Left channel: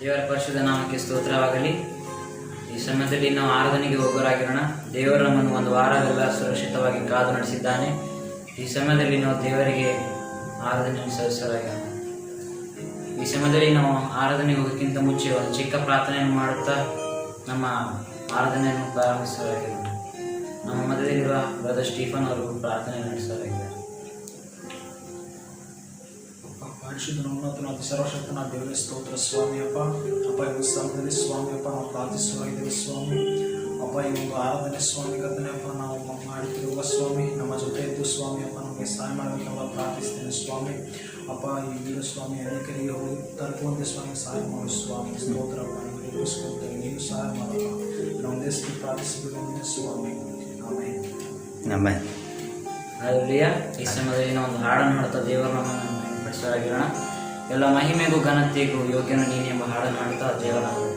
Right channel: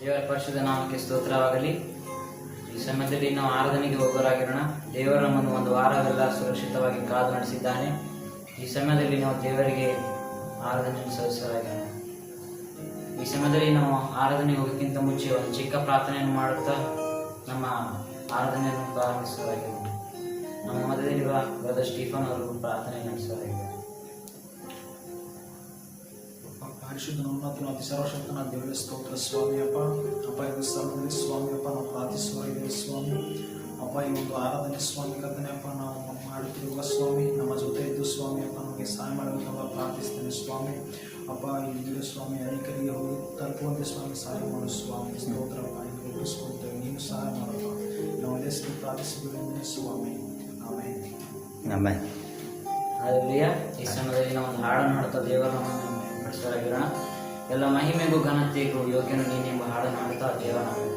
ದೇವರ ಪರಿಶುದ್ಧ ನಾಮಕ್ಕೆ ಸ್ತೋತ್ರವಾಗಲಿ. ಈ ಸಮಯದಲ್ಲಿ ನಾವು ಆರಾಧನೆಗೆ ಹೋಗೋರಾಗಿರೋಣ. ದೇವರು ನಮ್ಮನ್ನು ಒಂದು ವಾರವೆಲ್ಲ ಸುರಕ್ಷಿತವಾಗಿ ಕಾದು ನಡೆಸಿದ್ದಾನೆ. ಈ ಸಮಯದಲ್ಲಿ ನಾವು ದೇವರಿಗೆ ಆರಾಧನೆ ಸಲ್ಲಿಸಲಾಗಿರೋಣ. ಈ ಸಮಯದಲ್ಲಿ ನಾವು ಆರಾಧನೆಗೆ ಹೋಗೋಕ್ಕಿಂತ ಮುಂಚೆ ಒಂದು ಚಿಕ್ಕ ಪ್ರಾರ್ಥನೆಯನ್ನು ಮಾಡುತ್ತಾ ನಮ್ಮ ಆರಾಧನೆಯನ್ನು ಪ್ರಾರಂಭಿಸಲಾಗಿರೋಣ. ನಮ್ಮ ಮಧ್ಯದಲ್ಲಿರುವ ಬ್ರದರ್ ಸ್ಟೀಫನ್ ಅವರು ಪ್ರಾರ್ಥನೆ ನಡೆಸಲಾಗಿದೆ. ಪರಿಶುದ್ಧನ ಉನ್ನತನ ಅತಿ ಸರ್ವಶಕ್ತನ ದೇವರ ಸ್ತೋತ್ರ ಸ್ವಾಮಿ. ಅಪ್ಪ ಈ ಸಮಯದಲ್ಲಿ ಸ್ವಾಮಿ ನಾವು ಪ್ರಾರ್ಥಿಸುವಾಗಿದ್ದೇವೆ ಸ್ವಾಮಿ. ಈ ಒಂದು ಆರಾಧನೆ ಸ್ವಾಮಿ ಕರ್ತನೆ ನಾವು ಮಾಡುತ್ತಿರುವ ಸ್ವಾಮಿ ನಮ್ಮ ಜೊತೆ ಇದ್ದು ಸ್ವಾಮಿ ನಮಗೆ ಸಹಾಯ ಮಾಡಬೇಕಂತ ಪ್ರಾರ್ಥಿಸ್ತೇನೆ ಸ್ವಾಮಿ. ಈ ವೀರ ಸ್ವಾಮಿ ಅನೇಕರಿಗೆ ಹೋಗಿ ತಲುಪುವಂತೆ ಸ್ವಾಮಿ ಸಹಾಯ ಮಾಡು ಸ್ವಾಮಿ. ಸ್ತೋತ್ರ ಗಳಿಸ್ಕೊಳ್ತೇವೆ, ನೀವು ಸಹಾಯ ಮಾಡಲ್ಲ. ನಾವು ದೇಶಕ್ಕೆ ಪ್ರಾರ್ಥಿಸಿದ್ದೇವೆ ಸ್ವಾಮಿ. ಆಮೇಲೆ ಈ ಸಮಯದಲ್ಲಿ ನಾವು ಒಂದು ಹಾಡನ್ನು ಹಾಡ್ತಾ ದೇವರನ್ನು ಪಡಿಸಲಾಗಿರೋಣ. ಎಲ್ಲ ಮಹಿಮೆಗೂ ಘನತೆಗೂ ಯೋಗ್ಯನ ನೀನು ಎಂಬ ಹಾಡನ್ನು ಹಾಡ್ತಾ ದೇವರನ್ನು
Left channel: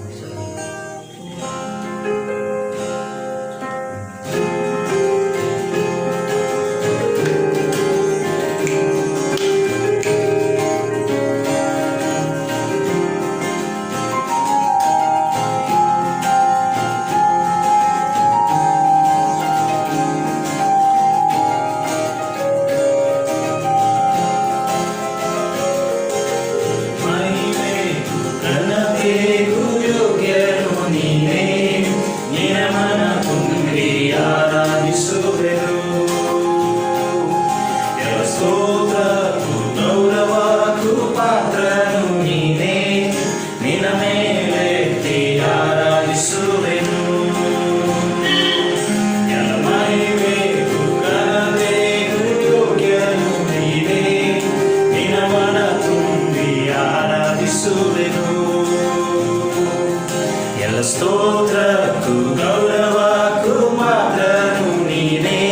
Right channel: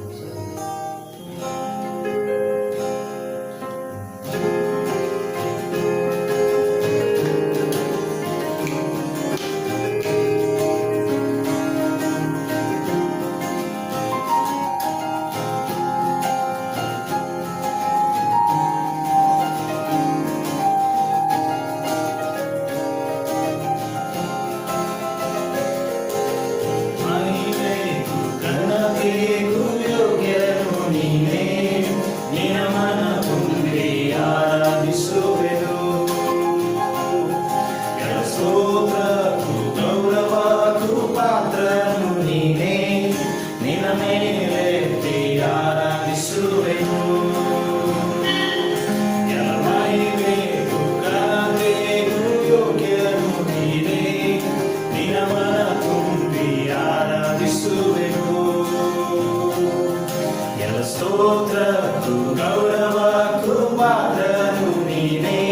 ಸ್ತೋತ್ರಕ್ಕೂ ಗೌರವಕ್ಕೂ ಪಾತ್ರನು ನೀನೇ.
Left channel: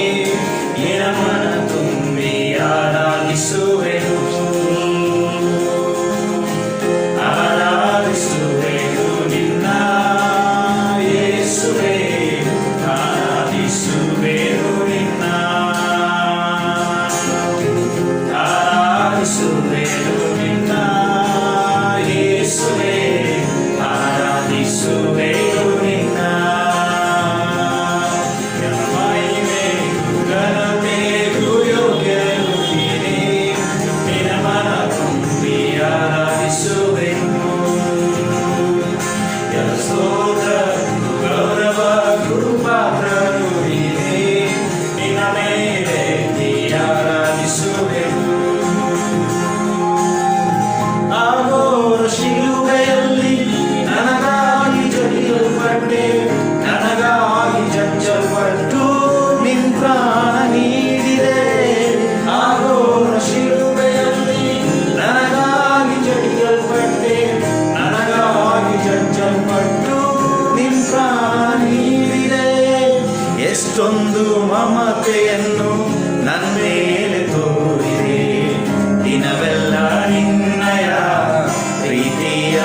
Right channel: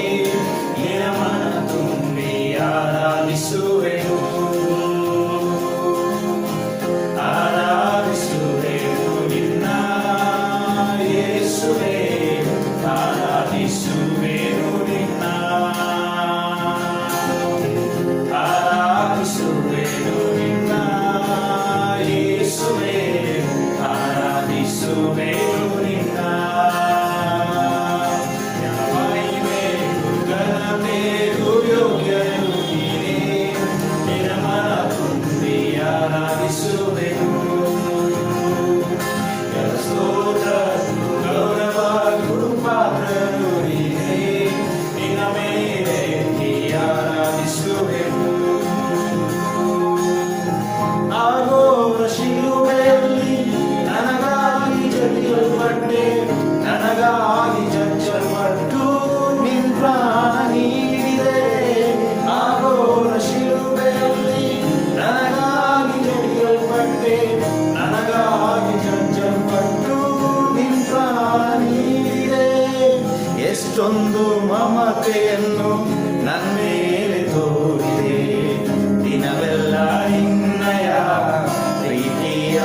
ನಿನ್ನ ಮನ ತುಂಬಿ ಆರಾಧಿಸುವೆನು ನಿನ್ನ ಯೇಸುವೇ. ಆರಾಧಿಸುವೆನು ನಿನ್ನ ನಿನ್ನ ಯೇಸುವೇ. ಎಷ್ಟೊಂದು ಮಮತೆಯನ್ನು ನನ್ನ ಮೇಲೆ ತೋರಿದೆ. ದಿನವೆಲ್ಲ ನಿನ್ನಯ ಪ್ರೀತಿಯ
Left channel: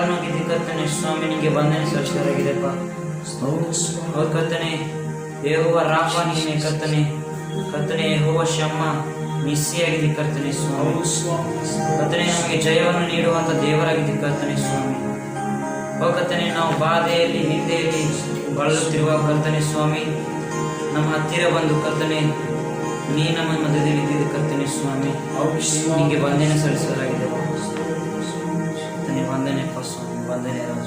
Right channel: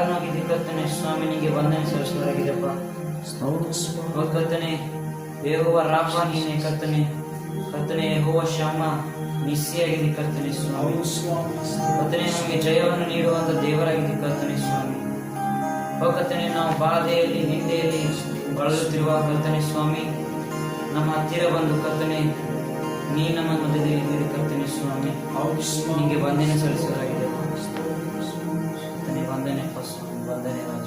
ಕಾರಣವಾಗಿದ್ದ ಕರ್ತನೆ ಸ್ವಾಮಿ ನಿಮಗೆ ವಂದನೆ ಸಲ್ಲಿಸೋರಾಗಿದೆಪ್ಪ. ಸ್ತೋತ್ರ ಸ್ವಾಮಿ. ಹೌದು ಕರ್ತನೆ, ಯೆಹೋವ ರಾಫ ನೀನೆ ಕರ್ತನೆ, ಕರ್ತನೆ ಯೆಹೋವ ಶಮ್ಮ ನಿಸ್ಸಿಯಾಗಿದೆ ಕರ್ತನೆ ಸ್ವಾಮಿ. ಹೌದು ಸ್ವಾಮಿ. ಕರ್ತನೆ ನಮಗೆ ಜಯವನ್ನು ನೀಡುವಂತ ದೇವರಾಗಿದೆ ಕರ್ತನೆ ಸ್ವಾಮಿ. ಓ ಕರ್ತನೆ, ನಾವು ಬಾಧೆಯಲ್ಲಿ ನಿಂದೆಯಲ್ಲಿ ಬಳಲುತ್ತಿರುವ ಕರ್ತನೆ ಸ್ವಾಮಿ, ನಮ್ಮ ಹತ್ತಿರ ಬಂದು ಕರ್ತನೆ ನೀ ನಮ್ಮ ಮಧ್ಯದಲ್ಲಿ ಇದ್ದಿದ್ದು ಕರ್ತನೆ ಸ್ವಾಮಿ. ಹೌದು ಸ್ವಾಮಿ. ನಿಮಗೆ ವಂದನೆ ಸಲ್ಲಿಸೋರಾಗಿದೆ ಕರ್ತನೆ. ವಂದನೆ ಸ್ವಾಮಿ, ವಂದನೆ ರಾಜ.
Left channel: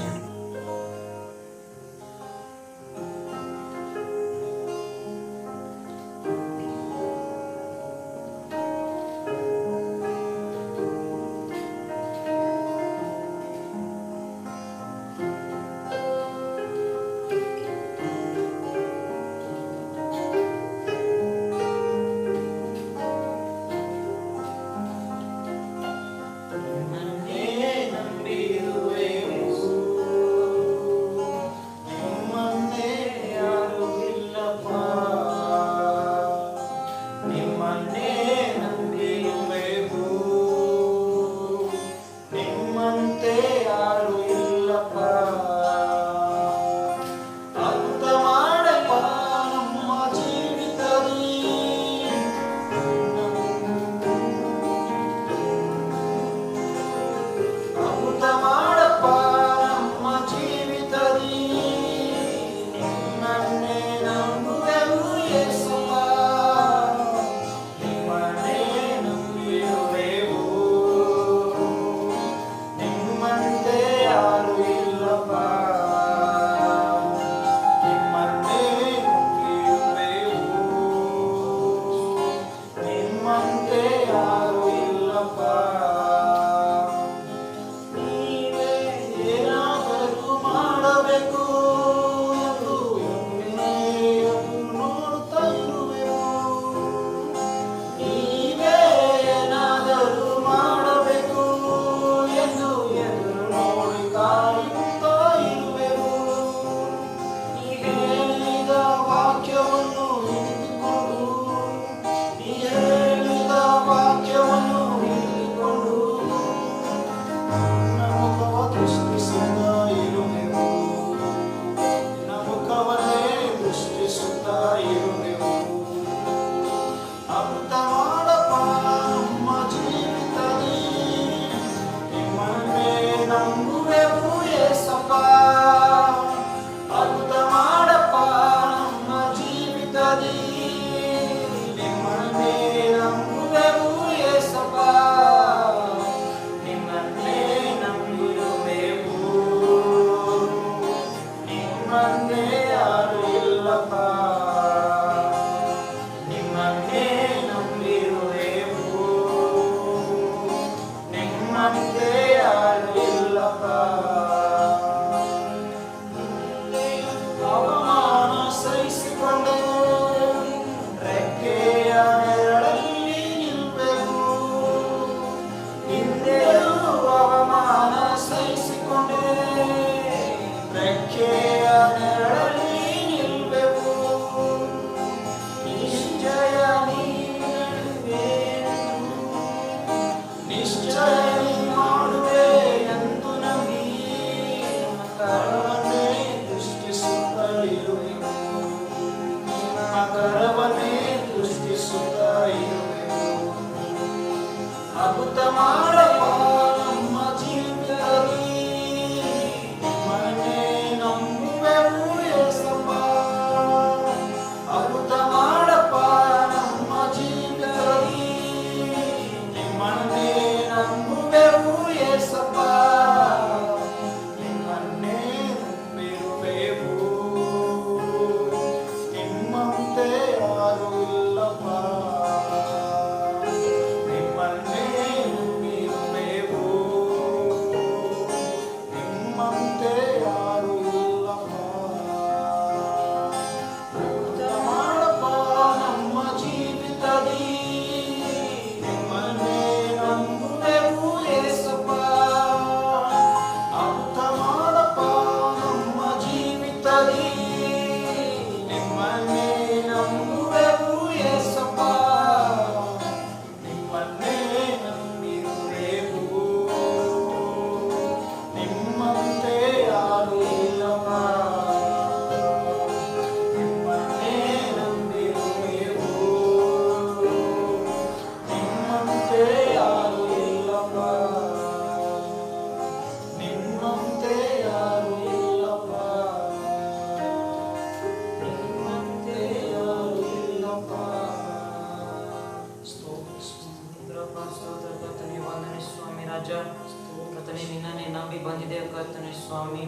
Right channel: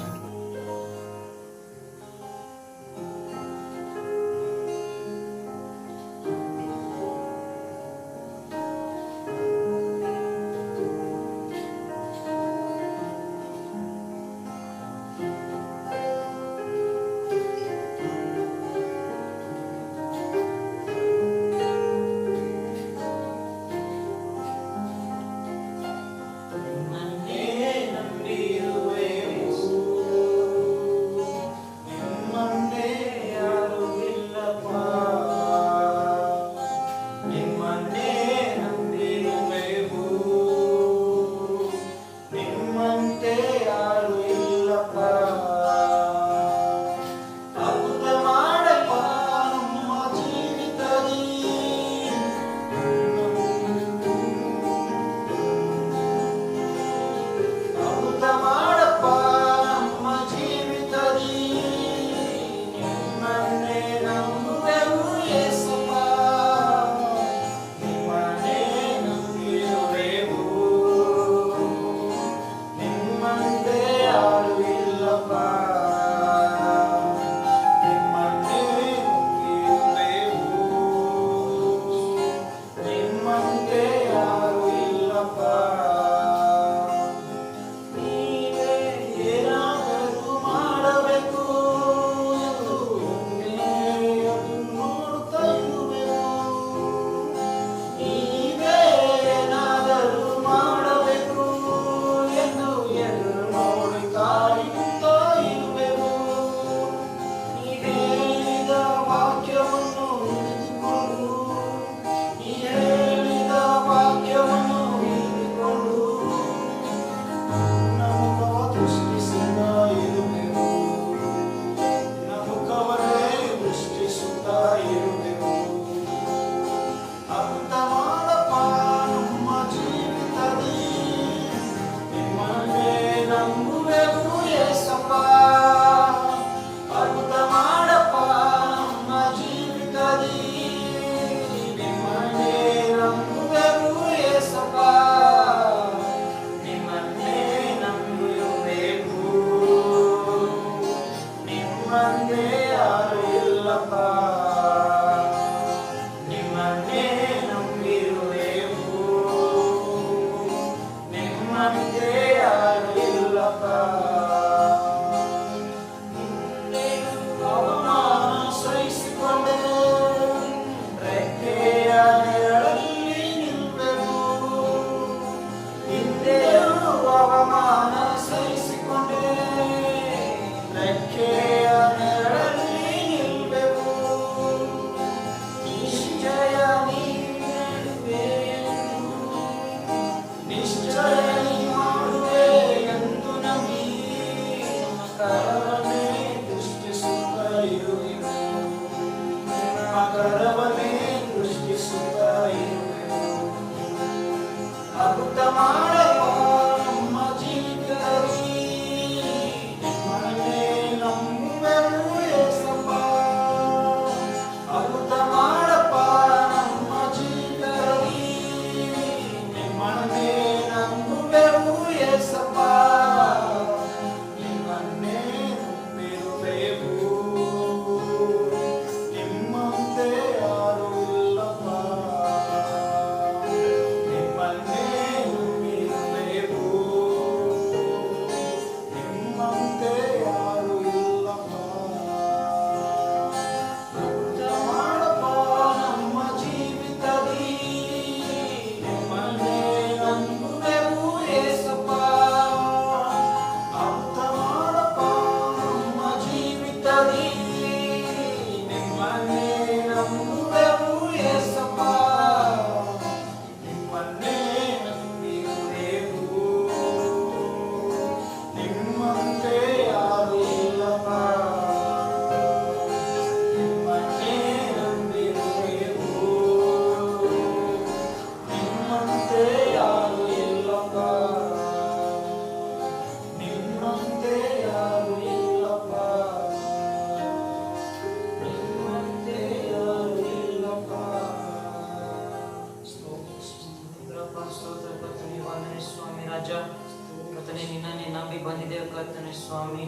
ಸ್ವಾಮಿ.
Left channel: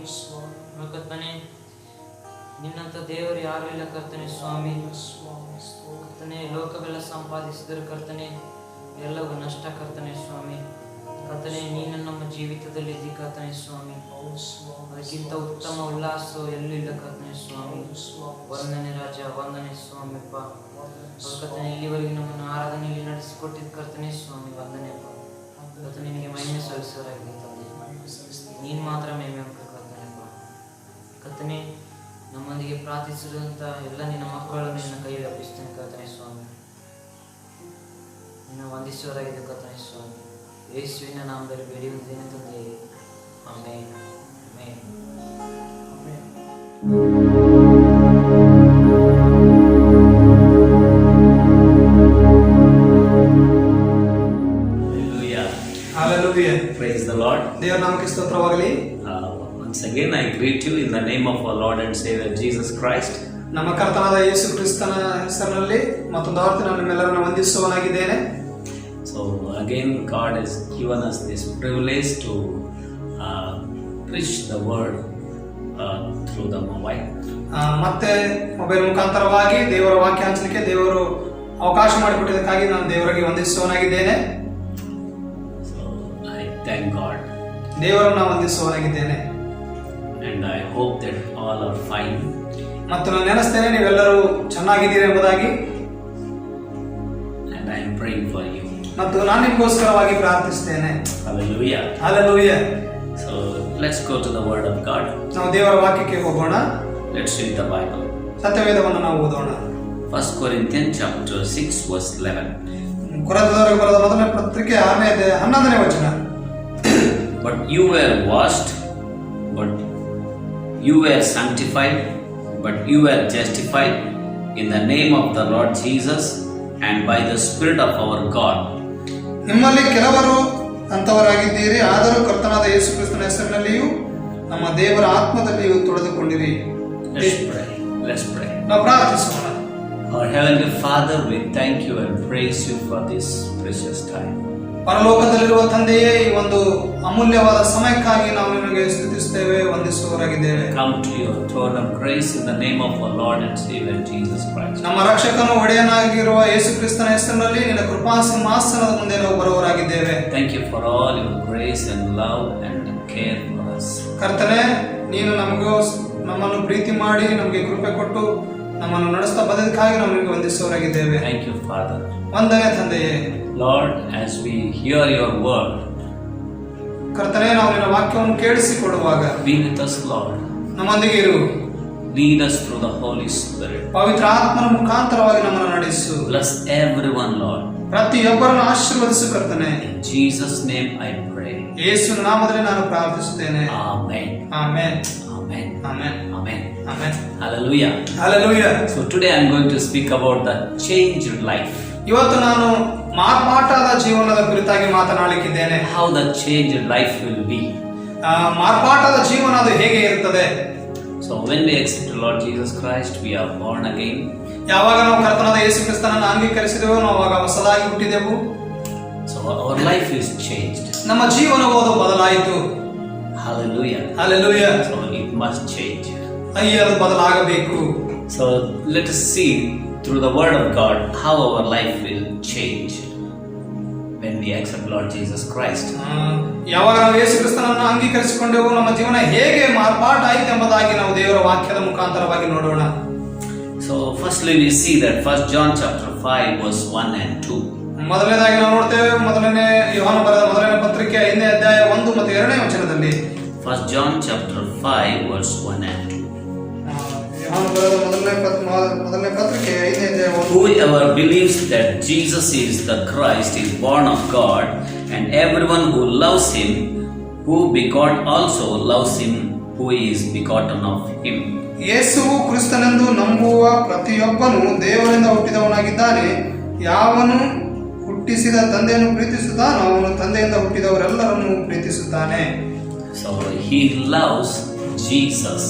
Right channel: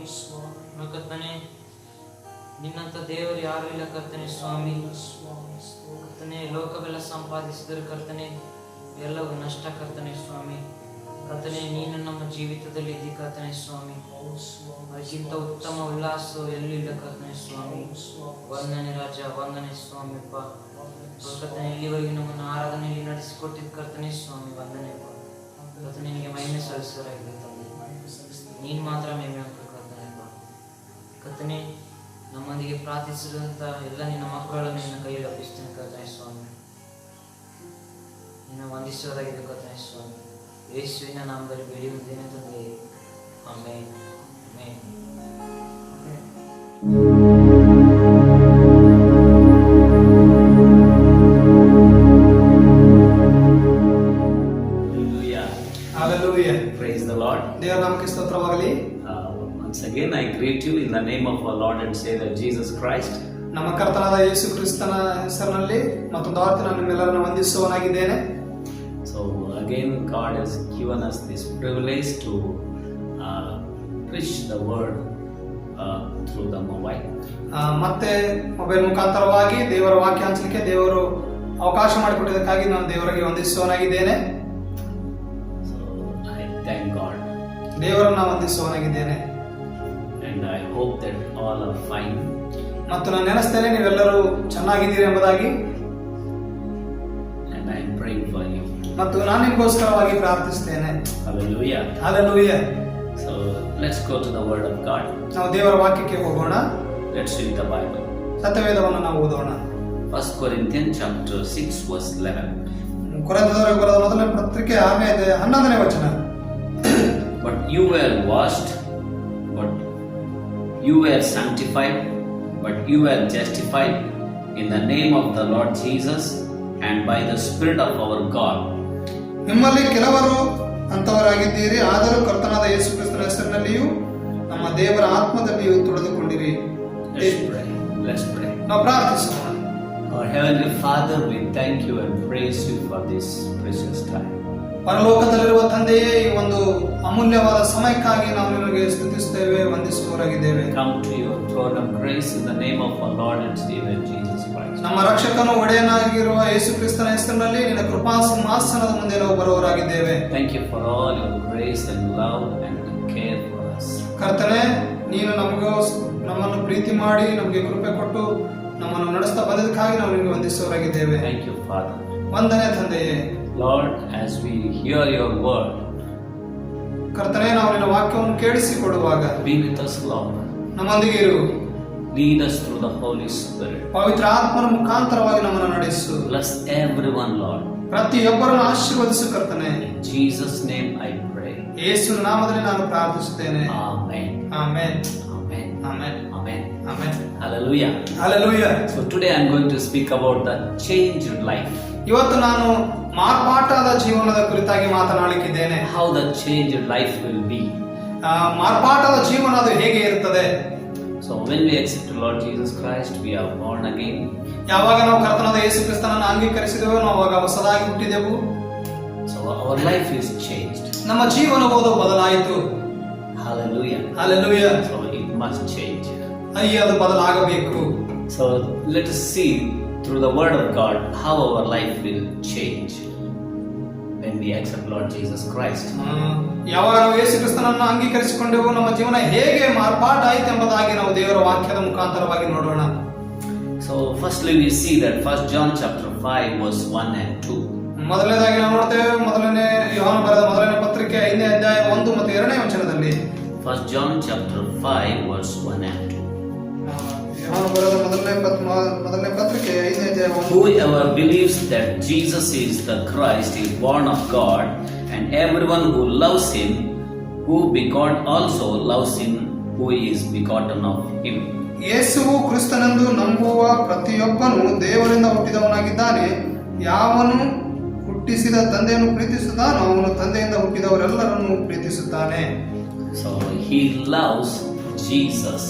ಕರ್ತನೆ, ನಿನ್ನಂತ ದೇವರು ಯಾರು ಇಲ್ಲ ಕರ್ತನೆ ಸ್ವಾಮಿ. ಕರ್ತನೆ, ಲೋಕವೆಲ್ಲ ಸಂಪಾದಿಸಿದರೆ ಕರ್ತನೆ ಎಲ್ಲವೂ ನಷ್ಟ ಕರ್ತನೆ ಸ್ವಾಮಿ. ಕರ್ತನೆ, ನೀನು ನಮ್ಮ ಜೀವಿತದಲ್ಲಿ ಇದ್ದಿ ಕರ್ತನೆ ಸ್ವಾಮಿ. ಅದಕ್ಕಿಂತ ಉತ್ತಮ ಉಲ್ಲಾಸ ಎಲ್ಲೂ ಇಲ್ಲ ಕರ್ತನೆ ಸ್ವಾಮಿ. ವಂದನೆ ರಾಜ, ವಂದನೆ ಸ್ವಾಮಿಪ್ಪ. ಕರ್ತನೆ, ಇಲ್ಲಿವರೆಗೆ ನಮ್ಮನ್ನು ಆರಾಧನೆಯಲ್ಲಿ ನಡೆಸಿಕೊಟ್ಟಿದ್ದು ಕರ್ತನೆ ಸ್ವಾಮಿ, ವಂದನೆಪ್ಪ. ಕರ್ತನೆ, ನಿನಗೆ ಮಹಿಮೆ ಸಲ್ಲಿಸೋರಾಗಿದೆ ತಂದೆ. ನೀನು ಮಾತ್ರ ಮಹಿಮೆ ಕರ್ತನೆಪ್ಪ. ಕರ್ತನೆ, ನಮ್ಮೊಂದಿಗೆ ಪ್ರಾರ್ಥಿಸಿರುವಂತ ಎಲ್ಲ ನಿನ್ನ ಮಕ್ಕಳನ್ನು ನಿನ್ನ ಕೈಯಲ್ಲಿ ಅರ್ಪಿಸ್ತೇನೆ ಕರ್ತನೆ ಸ್ವಾಮಿ. ನಿನ್ನ ವಂದಿಸೋರಾಗಿದೆ ಕರ್ತನೆ ಸ್ವಾಮಿ. ಯೇಸುವಿನ ನಾಮದಲ್ಲಿ ಬೇಡಿಯುತ್ತೇನೆ ತಂದೆ. Amen. Amen. Hallelujah. Praise the Lord. ದೇವರ ನಾಮಕ್ಕೆ ಸ್ತೋತ್ರವಾಗಲಿ. Once again I greet you in the name of our Lord and Savior Jesus Christ. ನಮ್ಮ ಕರ್ತನಾದ ಯೇಸು ಕ್ರಿಸ್ತನ ಹೆಸರಿನಲ್ಲಿ ಮತ್ತೊಂದು ಆವರ್ತಿ ನಾನು ನಿಮ್ಮೆಲ್ಲರನ್ನು ವಂದಿಸುವನಾಗಿದ್ದೇನೆ. So again God has given us this privilege to preach the word through the mobile. ಮತ್ತೆ ಮೊಬೈಲ್ ಮುಖಾಂತರವಾಗಿ ದೇವರ ವಾಕ್ಯ ಹಂಚಲಿಕ್ಕೆ ದೇವರು ಅವಕಾಶ ಮಾಡಿಕೊಟ್ಟಿದ್ದಕ್ಕಾಗಿ ನಾನು ದೇವರಿಗೆ ವಂದಿಸುವನಾಗಿದ್ದೇನೆ. So I thank God. ದೇವರನ್ನ ವಂದಿಸುವನಾಗಿದ್ದೇನೆ. And I hope that all are fine. ಮತ್ತು ನಾನು ನೆನೆಸ್ತೇನೆ ನೀವೆಲ್ಲರೂ ಚೆನ್ನಾಗಿದ್ದೀರಿ ಎಂಬುದಾಗಿ. And I am praying for you. ಮತ್ತು ನಾನು ನಿಮಗೋಸ್ಕರವಾಗಿ ಪ್ರಾರ್ಥಿಸ್ತೇನೆ. Hallelujah. Hallelujah. So let's go to the word of God. ನಾವು ದೇವರ ವಾಕ್ಯಕ್ಕೆ ಹೋಗೋಣ. Let's read the Bible. ಸತ್ಯವೇದವನ್ನು ನಾವು ಓದೋಣ. 1 Corinthians chapter 6 verse 11. ಕೊರಿಂಥದವರಿಗೆ ಬರೆದ ಮೊದಲನೇ ಪತ್ರಿಕೆ 6ನೇ ಅಧ್ಯಾಯ 11ನೇ ವಚನ. But you were washed, but you were sanctified, but you were justified in the name of the Lord Jesus and by the Spirit of our God. ನಿಮ್ಮಲ್ಲಿ ಕೆಲವರು ಅಂತವರಾಗಿದ್ದೀರಿ, ಆದರೂ ಕರ್ತನಾದ ಯೇಸು ಕ್ರಿಸ್ತನ ಹೆಸರಿನಲ್ಲಿಯೂ ನಮ್ಮ ದೇವರ ಆತ್ಮದಲ್ಲಿಯೂ ತೊಳೆದುಕೊಂಡಿರಿ. Let's pray. ನಾವು ಪ್ರಾರ್ಥಿಸೋಣ. Our Heavenly Father, we thank you and praise you for this precious time. ಪರಲೋಕದಲ್ಲಿರುವ ತಂದೆಯೇ, ಈ ಒಂದು ಅಮೂಲ್ಯವಾದ ಸಮಯಕ್ಕಾಗಿ ನಾವು ನಿಮಗೆ ಸ್ತುತಿಸುತ್ತೇವೆ, ವಂದಿಸುವವರಾಗಿದ್ದೇವೆ. Come to your throne of grace in the name of our Lord and Savior Jesus Christ. ನಮ್ಮ ರಕ್ಷಕನು ಒಡೆಯನಾಗಿರುವ ಯೇಸು ಕ್ರಿಸ್ತನ ಹೆಸರಿನಲ್ಲಿ ನಿನ್ನ ಕೃಪಾ ಸಿಂಹಾಸನದ ಮುಂದೆ ನಾವು ಬರುವವರಾಗಿದ್ದೇವೆ. Thank you for all your grace and love and care for us. ಕರ್ತನೆ, ನೀನು ನಮ್ಮನ್ನು ಪ್ರೀತಿ ಮಾಡಿ ನಮಗೆ ಕೃಪೆ ಕೊಟ್ಟು ನಮ್ಮನ್ನು ನಡೆಸ್ತಾ ಬಂದದಕ್ಕಾಗಿ ನಾವು ನಿಮಗೆ ವಂದಿಸುವವರಾಗಿದ್ದೇವೆ. Thank you, Father. ವಂದನೆ ತಂದೆಯೇ. Lord, as we hear your word, ಕರ್ತನೆ, ನಾವು ನಿನ್ನ ವಾಕ್ಯವನ್ನು ಕೇಳಿಸಿಕೊಡುವಾಗ be with us, Lord. ನಮ್ಮೊಂದಿಗೆ ಇರು. Lead us through the Holy Spirit. ಪವಿತ್ರ ಆತ್ಮನ ಮುಖಾಂತರವಾಗಿ ನಮ್ಮನ್ನು ನಡೆಸು. Bless everyone, Lord. ಪ್ರತಿಯೊಬ್ಬರನ್ನು ಆಶೀರ್ವದಿಸು ಕರ್ತನೆ. In Jesus' name I pray. ಯೇಸುವಿನ ನಾಮದಲ್ಲಿ ನಾನು ಪ್ರಾರ್ಥಿಸುತ್ತೇನೆ. Amen. Amen. Amen. Amen. Amen. Amen. Hallelujah. Hallelujah. So today I am going to speak about the changed life. ಇವತ್ತು ನಾನು ಮಾರ್ಪಾಟಾದ ಜೀವನದ ಕುರಿತಾಗಿ ಮಾತನಾಡಲಿಕ್ಕಿದ್ದೇನೆ. How the changed life will be. ಮಾರ್ಪಾಟಾದ ಜೀವನ ಅದು ಹೇಗೆ ಇರುತ್ತದೆ? So when we accept the Lord Jesus Christ, we are born again. ಯಾವಾಗ ನಾವು ಕರ್ತನಾದ ಯೇಸು ಕ್ರಿಸ್ತನನ್ನು ಅಂಗೀಕರಿಸಿದೆವೋ ನಾವು ಆವಾಗ ಹೊಸದಾಗಿ ಹುಟ್ಟಿದೆವು. So our life is changed. ನಮ್ಮ ಜೀವನವು ಬದಲಾಯಿತು. Hallelujah. Hallelujah. So it must change. ಅದು ಬದಲಾಗಬೇಕು. So let us see through the word of God how our life will change when we accept Lord Jesus Christ. ಯಾವಾಗ ನಾವು ಯೇಸು ಕ್ರಿಸ್ತನನ್ನು ಅಂಗೀಕರಿಸಿಕೊಂಡೆವು ನಮ್ಮ ಜೀವನ ಹೇಗೆ ಮಾರ್ಪಾಟಾಯಿತು ಎಂಬುದಾಗಿ ನಾವು ದೇವರ ವಾಕ್ಯದ ಮುಖಾಂತರವಾಗಿ ನೋಡೋಣ. So firstly we see that 1 John chapter 5 verse 1 and 2. ಮೊದಲನೇದಾಗಿ ನಾವು ನೋಡ್ತೇವೆ ಮೊದಲನೇ ಯೋಹಾನ ಬರೆದ ಮೊದಲನೇ ಪತ್ರಿಕೆ 5ನೇ ಅಧ್ಯಾಯ 1 ಮತ್ತು 2ನೇ ವಚನದಲ್ಲಿ. 1 John chapter 5 verse 1 and 2. ಯೋಹಾನ ಬರೆದ ಮೊದಲನೇ ಪತ್ರಿಕೆ 5ನೇ ಅಧ್ಯಾಯ 1. Whoever believes that Jesus is the Christ is born of God, and everyone who loves him, who begot also loves him who is begotten of him. ಯೇಸುವು ಕ್ರಿಸ್ತನೆಂದು ನಂಬುವ ಪ್ರತಿಯೊಬ್ಬನು ದೇವರಿಂದ ಹುಟ್ಟಿದವನಾಗಿದ್ದಾನೆ. ಯಾವನು ಹುಟ್ಟಿಸಿದ ತಂದೆಯನ್ನು ಪ್ರೀತಿಸುತ್ತಾನೋ ಅವನು ತಂದೆಯಿಂದ ಹುಟ್ಟಿದವರೆಲ್ಲರನ್ನು ಪ್ರೀತಿಸುತ್ತಾನೆ. So he loves Jesus.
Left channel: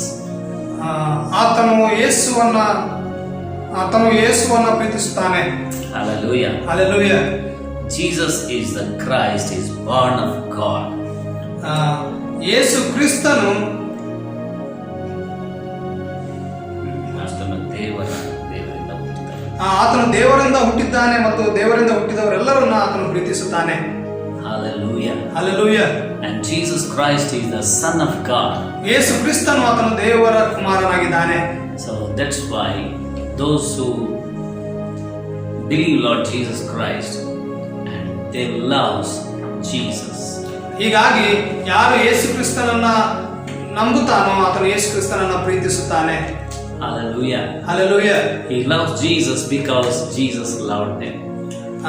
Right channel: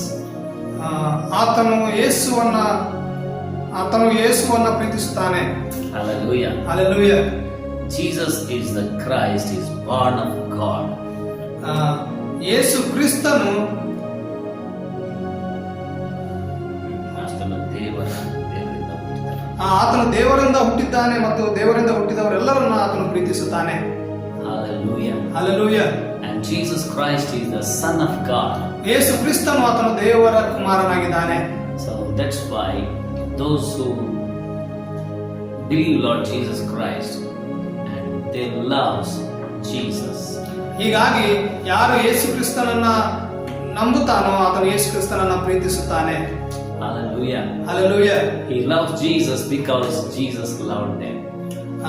ಆತನು ಯೇಸುವನ್ನು ಪ್ರೀತಿಸುತ್ತಾನೆ. Hallelujah. Hallelujah. Jesus is the Christ, is born of God. ಯೇಸು ಕ್ರಿಸ್ತನು ದೇವರಿಂದ ಹುಟ್ಟಿದ. ಆತನು ದೇವರಿಂದ ಹುಟ್ಟಿದ್ದಾನೆ ಮತ್ತು ದೇವರಿಂದ ಹುಟ್ಟಿದವರೆಲ್ಲರನ್ನ ಆತನು ಪ್ರೀತಿಸುತ್ತಾನೆ. Hallelujah. Hallelujah. And Jesus Christ is the Son of God. ಯೇಸು ಕ್ರಿಸ್ತನು ಆತನು ದೇವರ ಕುಮಾರನಾಗಿದ್ದಾನೆ. So that's why those who believe Lord Jesus Christ and they love Jesus. ಹೀಗಾಗಿ ಯಾರು ಯೇಸು ಕ್ರಿಸ್ತನನ್ನ ನಂಬುತ್ತಾನೋ ಆತನು ಯೇಸು ಕ್ರಿಸ್ತನನ್ನ ಪ್ರೀತಿಸುತ್ತಾನೆ. Hallelujah. Hallelujah. He loves Jesus because Jesus loved him.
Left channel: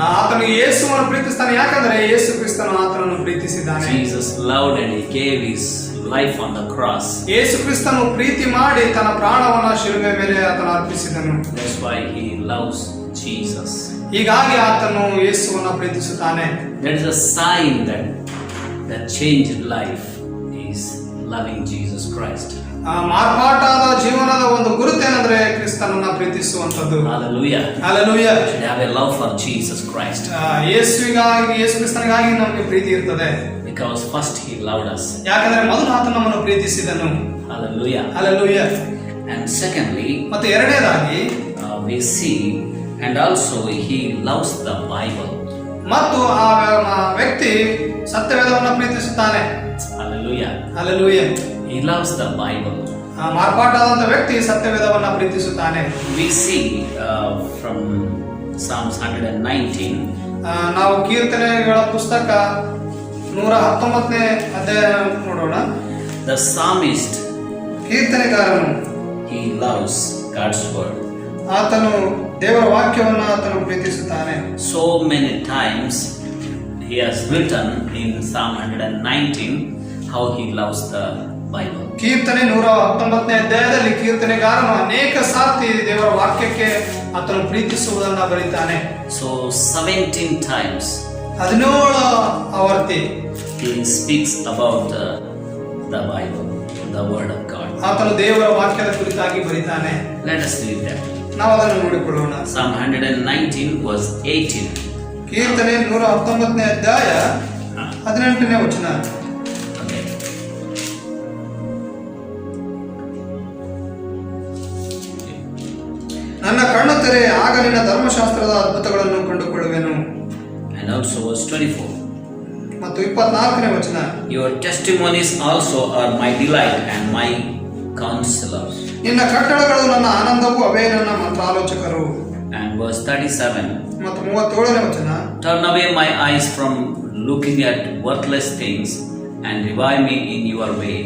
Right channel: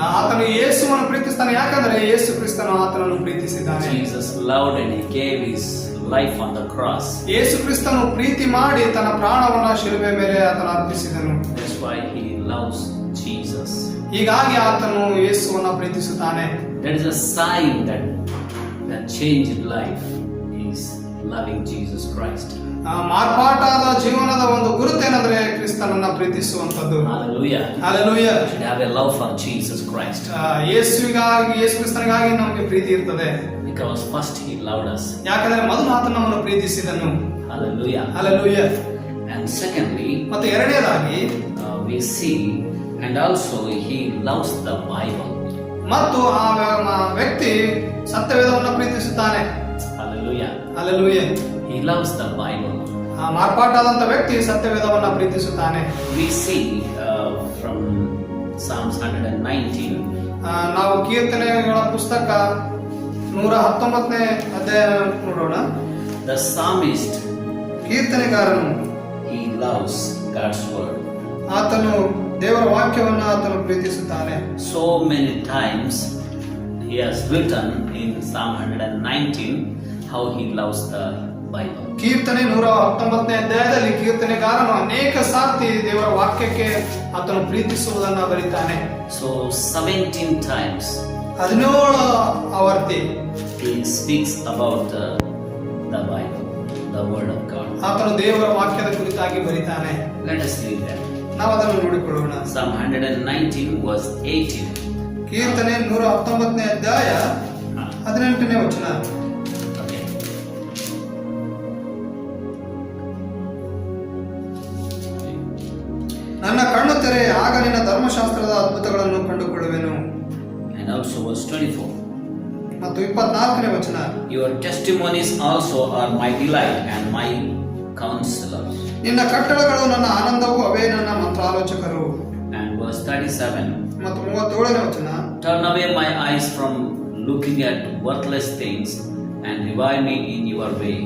ಆತನು ಯೇಸುವನ್ನು ಪ್ರೀತಿಸ್ತಾನೆ ಯಾಕಂದ್ರೆ ಯೇಸು ಕ್ರಿಸ್ತನು ಆತನನ್ನು ಪ್ರೀತಿಸಿದ್ದಾನೆ. Jesus loved and he gave his life on the cross. ಯೇಸು ಕ್ರಿಸ್ತನು ಪ್ರೀತಿ ಮಾಡಿ ತನ್ನ ಪ್ರಾಣವನ್ನ ಶಿಲುಬೆ ಮೇಲೆ ಆತನು ಅರ್ಪಿಸಿದನು. That's why he loves Jesus. ಹೀಗಾಗಿ ಆತನು ಯೇಸುವನ್ನು ಪ್ರೀತಿಸುತ್ತಾನೆ. That is a sign that the changed life is loving Jesus Christ. ಮಾರ್ಪಾಟಾದ ಜೀವನದ ಒಂದು ಗುರುತೇನೆಂದ್ರೆ ಕ್ರಿಸ್ತನನ್ನ ಪ್ರೀತಿಸುವಂತದ್ದು. Hallelujah. Hallelujah. We should have a love for Jesus Christ. ಯೇಸು ಕ್ರಿಸ್ತನಿಗಾಗಿ ನಮಗೆ ಪ್ರೀತಿ ಇರ್ತದೆ. Because first he loved us. ಯಾಕಂದ್ರೆ ಮೊದಲು ಆತನು ನಮ್ಮನ್ನು ಪ್ರೀತಿಸಿದನು. Hallelujah. Hallelujah. And secondly, ಮತ್ತು ಎರಡನೇದಾಗಿ we see and also he loves the Bible. ಮತ್ತು ಆ ವ್ಯಕ್ತಿ ಸತ್ಯವೇದವನ್ನು ಪ್ರೀತಿಸುತ್ತಾನೆ. Hallelujah. Hallelujah. He loves the Bible. ಆ ಮಾರ್ಪಾಟಾದಂತ ವ್ಯಕ್ತಿ ಸತ್ಯವೇದವನ್ನು ಪ್ರೀತಿಸುತ್ತಾನೆ. We see from Psalms 119. ನಾವು ಕೀರ್ತನೆಗಳ ಪುಸ್ತಕ 119ನೇ ಅಧ್ಯಾಯ ನೋಡೋಣ. The psalmist, ಕೀರ್ತನೆಗಾರನು he loves God's word. ಆತನು ದೇವರ ವಾಕ್ಯವನ್ನು ಆತನು ಪ್ರೀತಿಸುತ್ತಾನೆ. So many times he has written in Psalm 119 how he loves the Bible. ಕೀರ್ತನೆ 119ನೇ ಅಧ್ಯಾಯದಲ್ಲಿ ಕೀರ್ತನೆಗಾರನು ಅನೇಕ ಸಾರ್ತಿ ದೇವರ ವಾಕ್ಯಕ್ಕೆ ಆತನು ಪ್ರೀತಿಸುವುದನ್ನು ಬರೀತಾನೆ. So 17 times 17 Avarthi he speaks about the Bible, the word of God. ಆತನು ದೇವರ ವಾಕ್ಯದ ಕುರಿತಾಗಿ ಬರೀತಾನೆ. Let us read that. ನಾವು ಅದನ್ನು ನೋಡಿಕೊಳ್ಳೋಣ. Psalm 119 verse 18. ಕೀರ್ತನೆ 119ನೇ ಅಧ್ಯಾಯ 18ನೇ ವಚನ. Okay. ನನ್ನ ಕಣ್ಣು ತೆರೆ, ಆಗ ನಿನ್ನ ಧರ್ಮಶಾಸ್ತ್ರದ ಅದ್ಭುತಗಳನ್ನು ಕಂಡುಕೊಳ್ಳುವೆನು. And also verse 24. ಮತ್ತು 24ನೇ ವಚನ. Your testimonies also are my delight and my counselors. ನಿನ್ನ ಕಟ್ಟಳೆಗಳು ನನ್ನ ಆನಂದವೂ, ಅವೇ ನನ್ನ ಮಂತ್ರಾಲೋಚಕರು. And verse 37. ಮತ್ತು 37ನೇ ವಚನ. Turn away my eyes from looking at worthless things and revive me in your way.